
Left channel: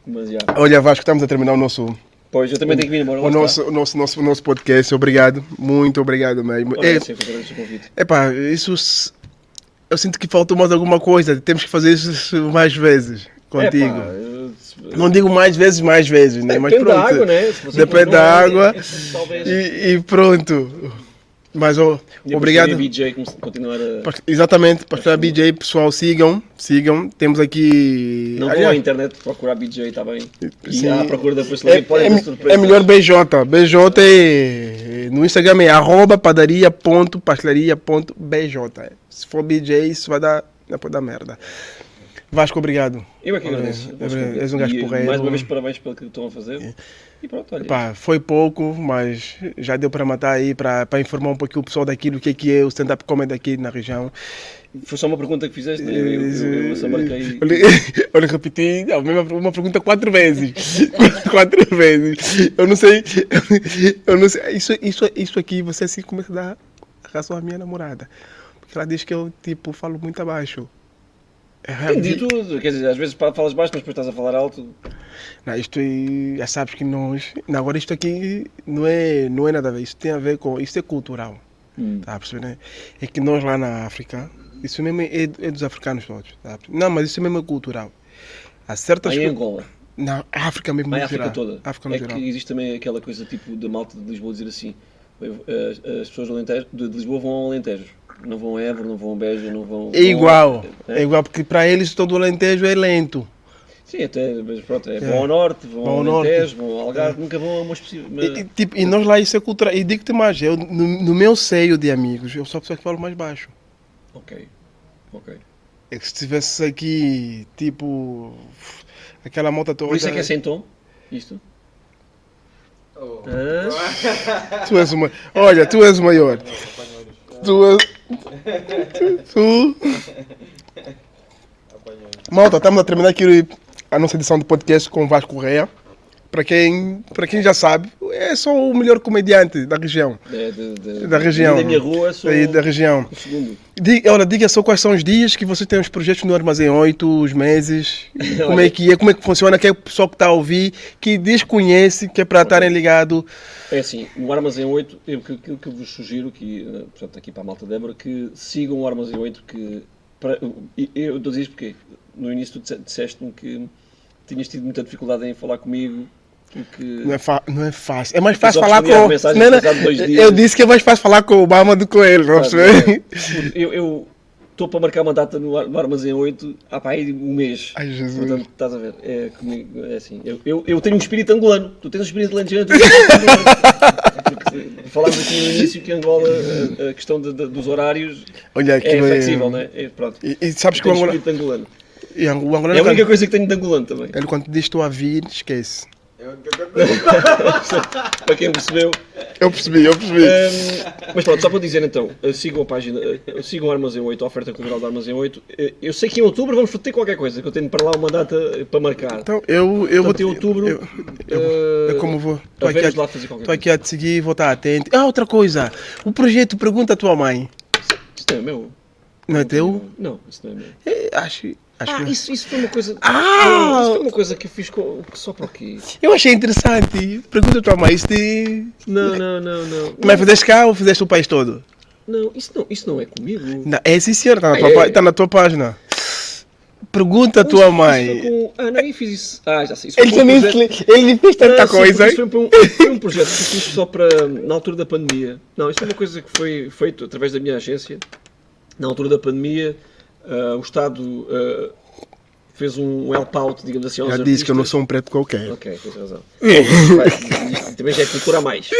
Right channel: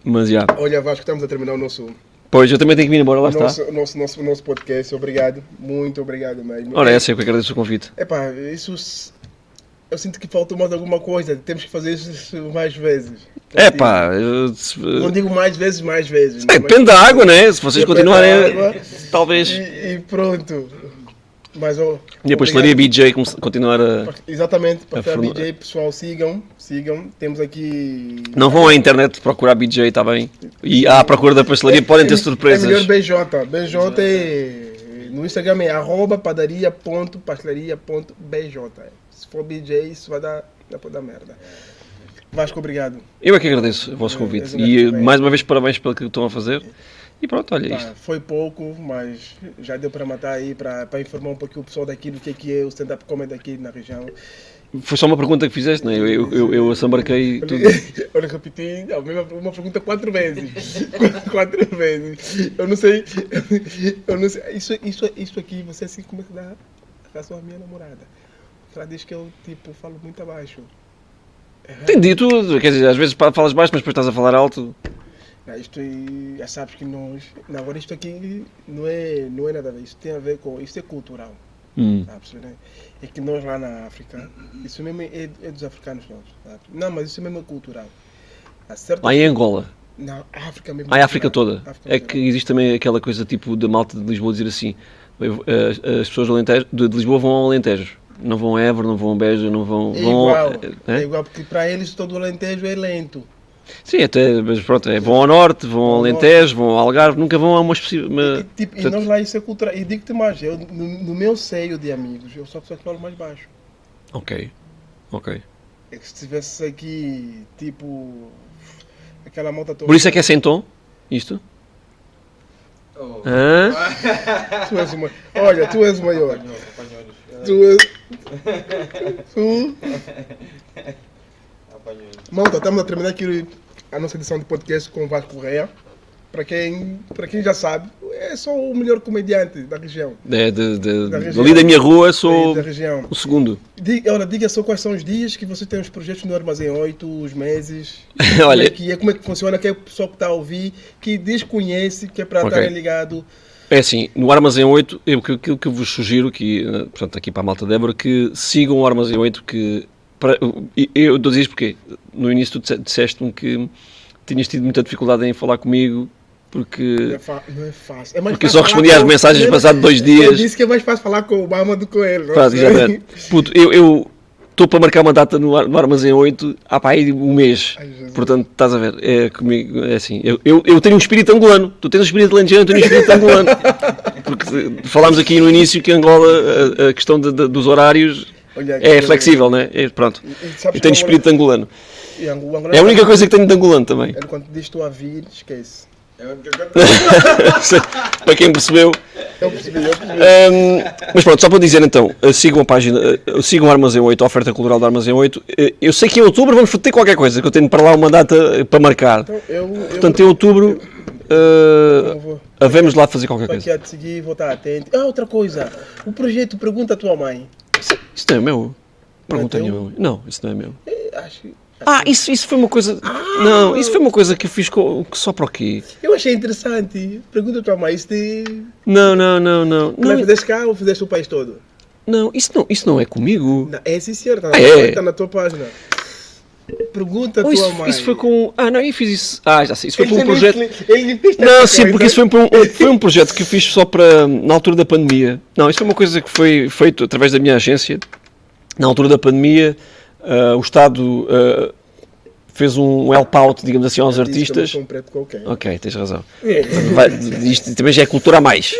Mas já. Olha, Vasco, estamos a terminar o nosso, Pois, eu também tenho que vir embora, lá está. o nosso podcast. Obrigado, muito obrigado mesmo. Ora, essa é que eu agradeço o convite. Epá, eu sinto que faltou mais alguma coisa. Temos que fazer isso mais vezes. É contigo. pá, Não digo mais vezes, né? Mas depende da pronto. água, né? Se vocês Depende continuarem, da água. talvez. E pronto. Mas E depois obrigado. faria BJ continuar a. Exatamente, Pastor formar. BJ, pessoal, sigam. Temos aqui. Não vão à internet procurar BJ, está bem? E Sim. à procura da pastelaria podem ter surpresas. É melhor BJ. BJ no Instagram é @padaria.pastelaria.bj. Se for BJ, isso vai dar merda. Vasco, obrigado. Eu é que agradeço o vosso convite. És um gajo E porreiro. mais uma vez parabéns pelo que estão a fazer. E pronto, olha Pá, foi pouco, mas já deu para matar aí, para informar um pouquinho o pessoal daqui do que é o stand-up comedy aqui na região. Foi só uma pergunta que fizeste, né? Eu assambarquei. Olha, repeti uma pergunta 4 vezes. 4 vezes. Eu não sei. Isso aqui você assim começa a dar razão à minha namorada. Porque ela diz que eu tipo falo muito abaixo. Entendi tudo. Quer dizer, às vezes falas baixo, mas depois estás a falar alto. Não, isto aí, já sabes que nós. Não, agora isto aqui não é nada a ver. Isso tem a ver com. Isso é cultural. Tá a perceber, né? É que nós lá na África, isso mesmo é dos africanos todos. Tá a perceber? Não, mas isso mesmo é cultural. Há certas Lá em Angola. Não, a África mesmo. A no África geral. toda. África no É geral. que existe também aquela coisa tipo da malta de Lisboa dizer assim: as pessoas do Alentejo, de Lisboa vão ao Alentejo. Não vão a Évora, não vão a Beja, não vão. É igual. É? É igual, porque para eles todo o Alentejo é lento. Sim, até, mas pronto, vão ao Norte, vão ao Vão ao Alentejo, vão ao Algarve, nunca vão a uma específica. E nós lá isso é cultural. E digo-te mais, eu, no meu seio de amigos, eu sou a pessoa que falo mais baixo. Ok. É que se tivesse aqui, tipo, aquela moto toda. Por isso é que é sem tom? Isto? Oh. Hã? Tu és uma. Olha, tu és o maior. Tu. Malta, estamos a terminar aqui a nossa edição de podcast com o Vasco Correia. Para quem já sabe, é só o melhor comediante da região. Da região. Ali da minha rua sou Da região. o segundo. Diga só quais são os dias que você tem os projetos no Armazém 8, os meses. Como Olha. é que funciona, que é o pessoal que está a ouvir, que desconhece, que é para Ok. estarem ligados. É assim, no Armazém 8, aquilo que eu vos sugiro, portanto, aqui para a malta de Évora, que sigam o Armazém 8, eu estou a dizer isto porque no início tu disseste-me que tinhas tido muita dificuldade em falar comigo Porque Não é fácil. É mais eu fácil só falar respondi às mensagens passados 2 dias. Eu disse que é mais fácil falar com o Obama do que com ele. Não Pá, sei. puto, eu estou para marcar uma data no Armazém 8 há para aí um mês. Ai, Jesus. Portanto, estás a ver, comigo, é assim, eu tenho um espírito angolano, tu tens um espírito lanjano, eu tenho um espírito angolano. Porque falámos aqui no início que Angola, a questão dos horários Olha, é aquilo flexível, né? Pronto, E sabes eu tenho que o espírito angolano. Angola É a única coisa que tenho de angolano também. Ele quando diz estou a vir, esquece. Para quem percebeu. Eu percebi. Mas pronto, só para dizer então, sigam a página, sigam o Armazém 8, a oferta cultural do Armazém 8. Eu sei que em outubro vamos ter qualquer coisa, que eu tenho para lá uma data para marcar. Então, eu Portanto, em outubro, como vou? havemos lá fazer qualquer Estou coisa. aqui a te seguir, vou estar atento. Outra coisa. O projeto Pergunta à Tua Mãe. Isso não é meu. Não é tenho teu? meu. Não, isso não é meu. Acho que- Isso foi uma coisa. Não, isso foi uma coisa que eu fiz só para o quê? Eu achei interessante. Pergunta à tua mãe, isso te... Não. Mas fizeste cá ou fizeste o país todo? Não, isso não é comigo. Não, é sim senhor, está na, É. tá na tua página. Pergunta à Oh, tua isso mãe. foi com. Não, eu fiz isso. Já sei. Isso foi Ele com um também projeto. ele fez tanta Não, sim, coisa. porque isso foi um projeto que eu fiz só para. Na altura da pandemia. Não, isso foi uma coisa que foi feito através da minha agência. Na altura da pandemia, o Estado fez um help out, digamos assim, aos Já disse que eu não artistas. sou um preto qualquer. Ok, tens razão. Isto também já é cultura a mais.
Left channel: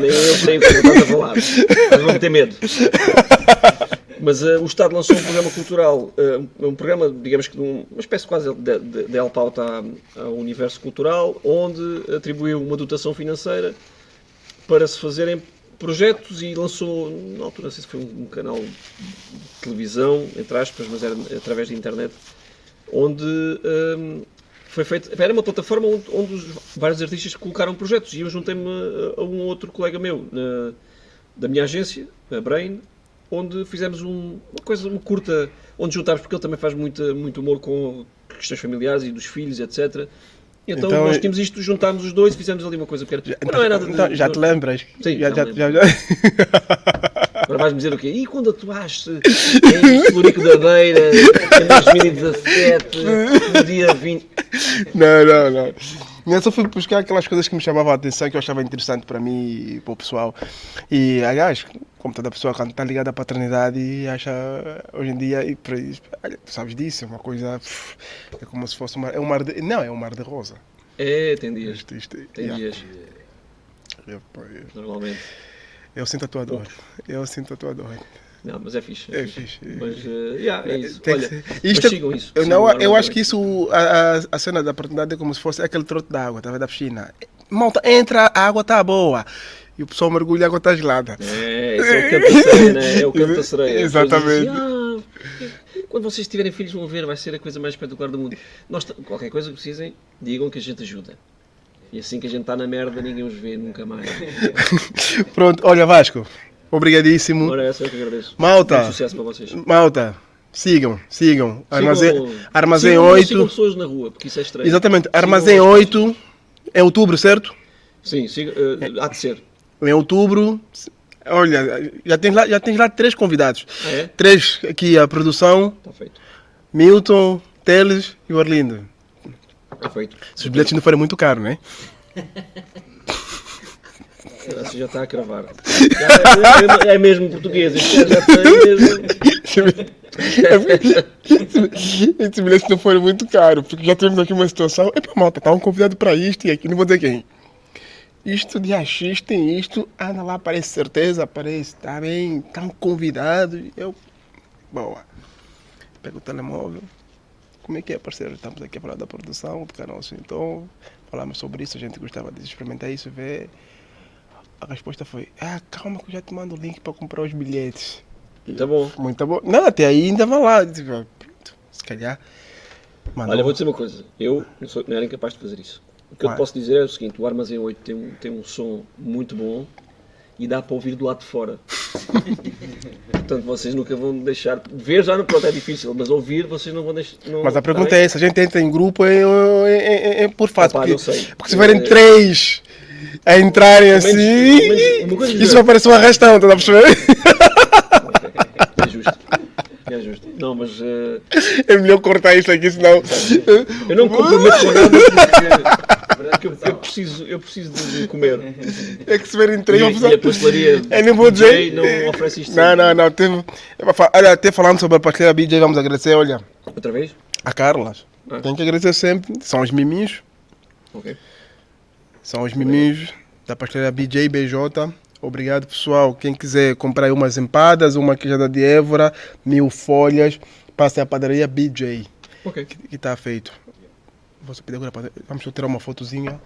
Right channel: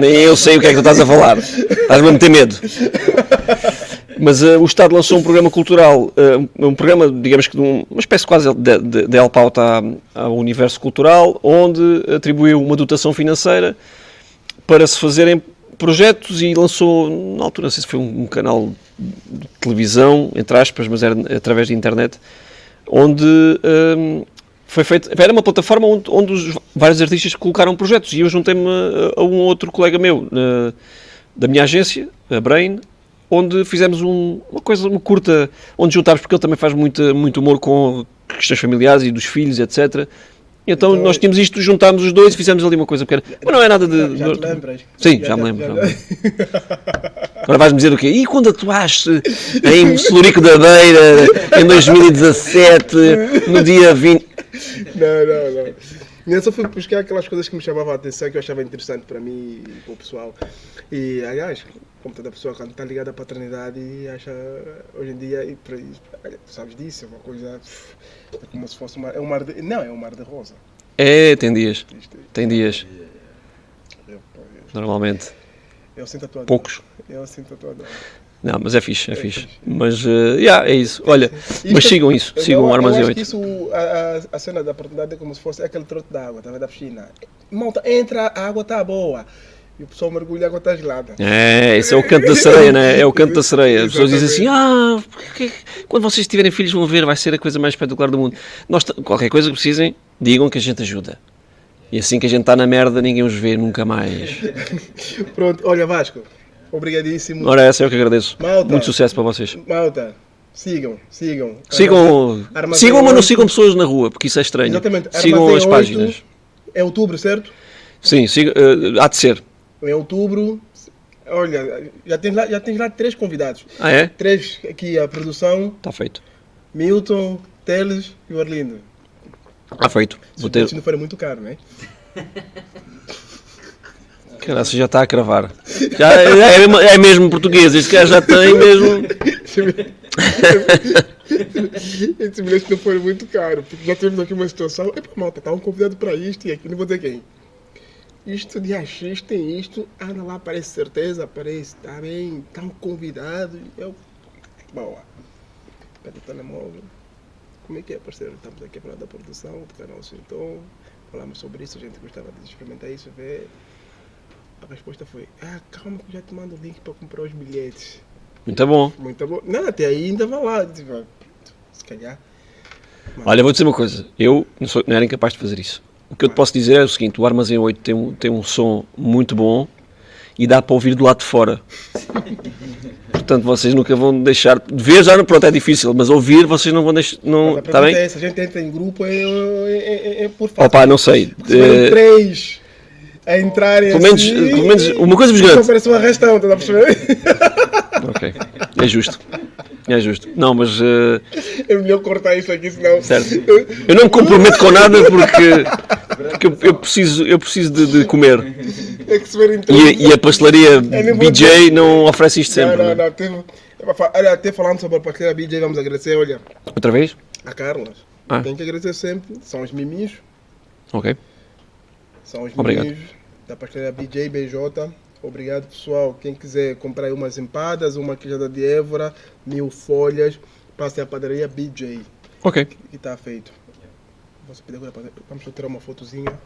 Nem eu sei o que é que tu estás a falar. Estás-me a meter medo. Mas o Estado lançou um programa cultural, um programa, digamos que uma espécie quase de help out ao universo cultural, onde atribuiu uma dotação financeira para se fazerem projetos e lançou, na altura, não sei se foi um canal de televisão, entre aspas, mas era através da internet, onde foi feito. Era uma plataforma onde os vários artistas colocaram projetos e eu juntei-me a um outro colega meu da minha agência, a Brain, onde fizemos uma curta, onde juntámos, porque ele também faz muito humor com questões familiares e dos filhos, etc. Então nós tínhamos isto, juntámos os dois e fizemos ali uma coisa pequena. Mas não é nada de... Já te lembras? Sim, já me lembro. Agora vais-me dizer o quê? E quando atuaste em Celurico da Beira, em 2017, no dia 20... Não. Eu só fui buscar aquelas coisas que me chamavam a atenção, que eu achava interessante para mim e para o pessoal. E, aliás, como toda pessoa, quando está ligada à paternidade e acha, hoje em dia, e para isso, tu sabes disso, é uma coisa, é como se fosse é um mar de, não, é um mar de rosa. É, tem dias. Tem É, dias, eu, normalmente. eu sinto a tua dor. Poucos. Eu sinto a tua dor. Não, mas é fixe. fixe. Mas, é isso. Olha, mas Isto- sigam isso. Eu, Sigam o eu Armazém acho 8. que isso, a cena da paternidade é como se fosse aquele trote de água, da piscina. Malta, entra, a água está boa. E o pessoal mergulha, a água está gelada. Esse é o canto da sereia, né? É o canto da sereia. As pessoas dizem Exatamente. assim, quando vocês tiverem filhos vão ver, vai ser a coisa mais espetacular do mundo. Qualquer coisa que precisem, digam que a gente ajuda. E assim que a gente está na merda, ninguém os vê nunca mais. Pronto, olha Vasco, obrigadíssimo. Ora, essa é o que agradeço. Malta. Muito sucesso para vocês. Malta, sigam. Sigam Armazém mas não 8. sigam pessoas na rua, porque isso é estranho. Exatamente, Sigam Armazém as 8, páginas. em outubro, certo? Sim, há de ser. Em outubro, olha, já tens lá 3 convidados. Ah, é? 3 aqui, a produção, Está feito. Milton, Teles e o Arlindo. Está feito. Se os bilhetes não forem muito caros, né? Caralho, já está a cravar. É mesmo português, este cara já tem mesmo. Esses bilhetes não forem muito caros, porque já temos aqui uma situação. Epa, malta, tá um convidado para isto e aqui, não vou dizer quem. Isto de X tem isto, anda lá, aparece certeza, aparece, tá bem, tá um convidado. Eu, boa. Pego o telemóvel. Como é que é, parceiro? Estamos aqui a falar da produção do canal então falamos sobre isso, a gente gostava de experimentar isso, ver. A resposta foi, calma que eu já te mando o link para comprar os bilhetes. Muito bom. Muito bom. Não, até aí ainda vai lá. Tipo, se calhar. Mano, Olha, vou dizer uma coisa. Eu não era incapaz de fazer isso. O que eu te posso dizer é o seguinte: o Armazém 8 tem um som muito bom e dá para ouvir do lado de fora. Portanto, vocês nunca vão deixar. De ver já, pronto, é difícil, mas ouvir vocês não vão deixar. Não, mas a tá pergunta bem? é essa: a gente entra em grupo é por fácil. Pá, não sei. Porque se tiverem 3 a entrarem Pelo menos- assim. pelo menos uma coisa vos isso garanto. parece um arrastão, estás a perceber? Ok, é justo. É justo. Não, mas. É melhor cortar isto aqui, senão. Certo. Eu não me comprometo com nada porque Porque eu preciso de comer. Tem que se ver entrevista. E a pastelaria nem vou BJ dizer. não oferece isto sempre. Não. Olha, até falando sobre a pastelaria BJ, vamos agradecer, olha, Outra vez? a Carlas. Ah. Tem que agradecer sempre. São os miminhos. Ok. São os Obrigado. miminhos da pastelaria BJ BJ. Obrigado, pessoal. Quem quiser comprar aí umas empadas, uma queijada de Évora, 1000 folhas, passa a padaria BJ, Ok. que está feito. Vou só pedir agora, vamos só tirar uma fotozinha.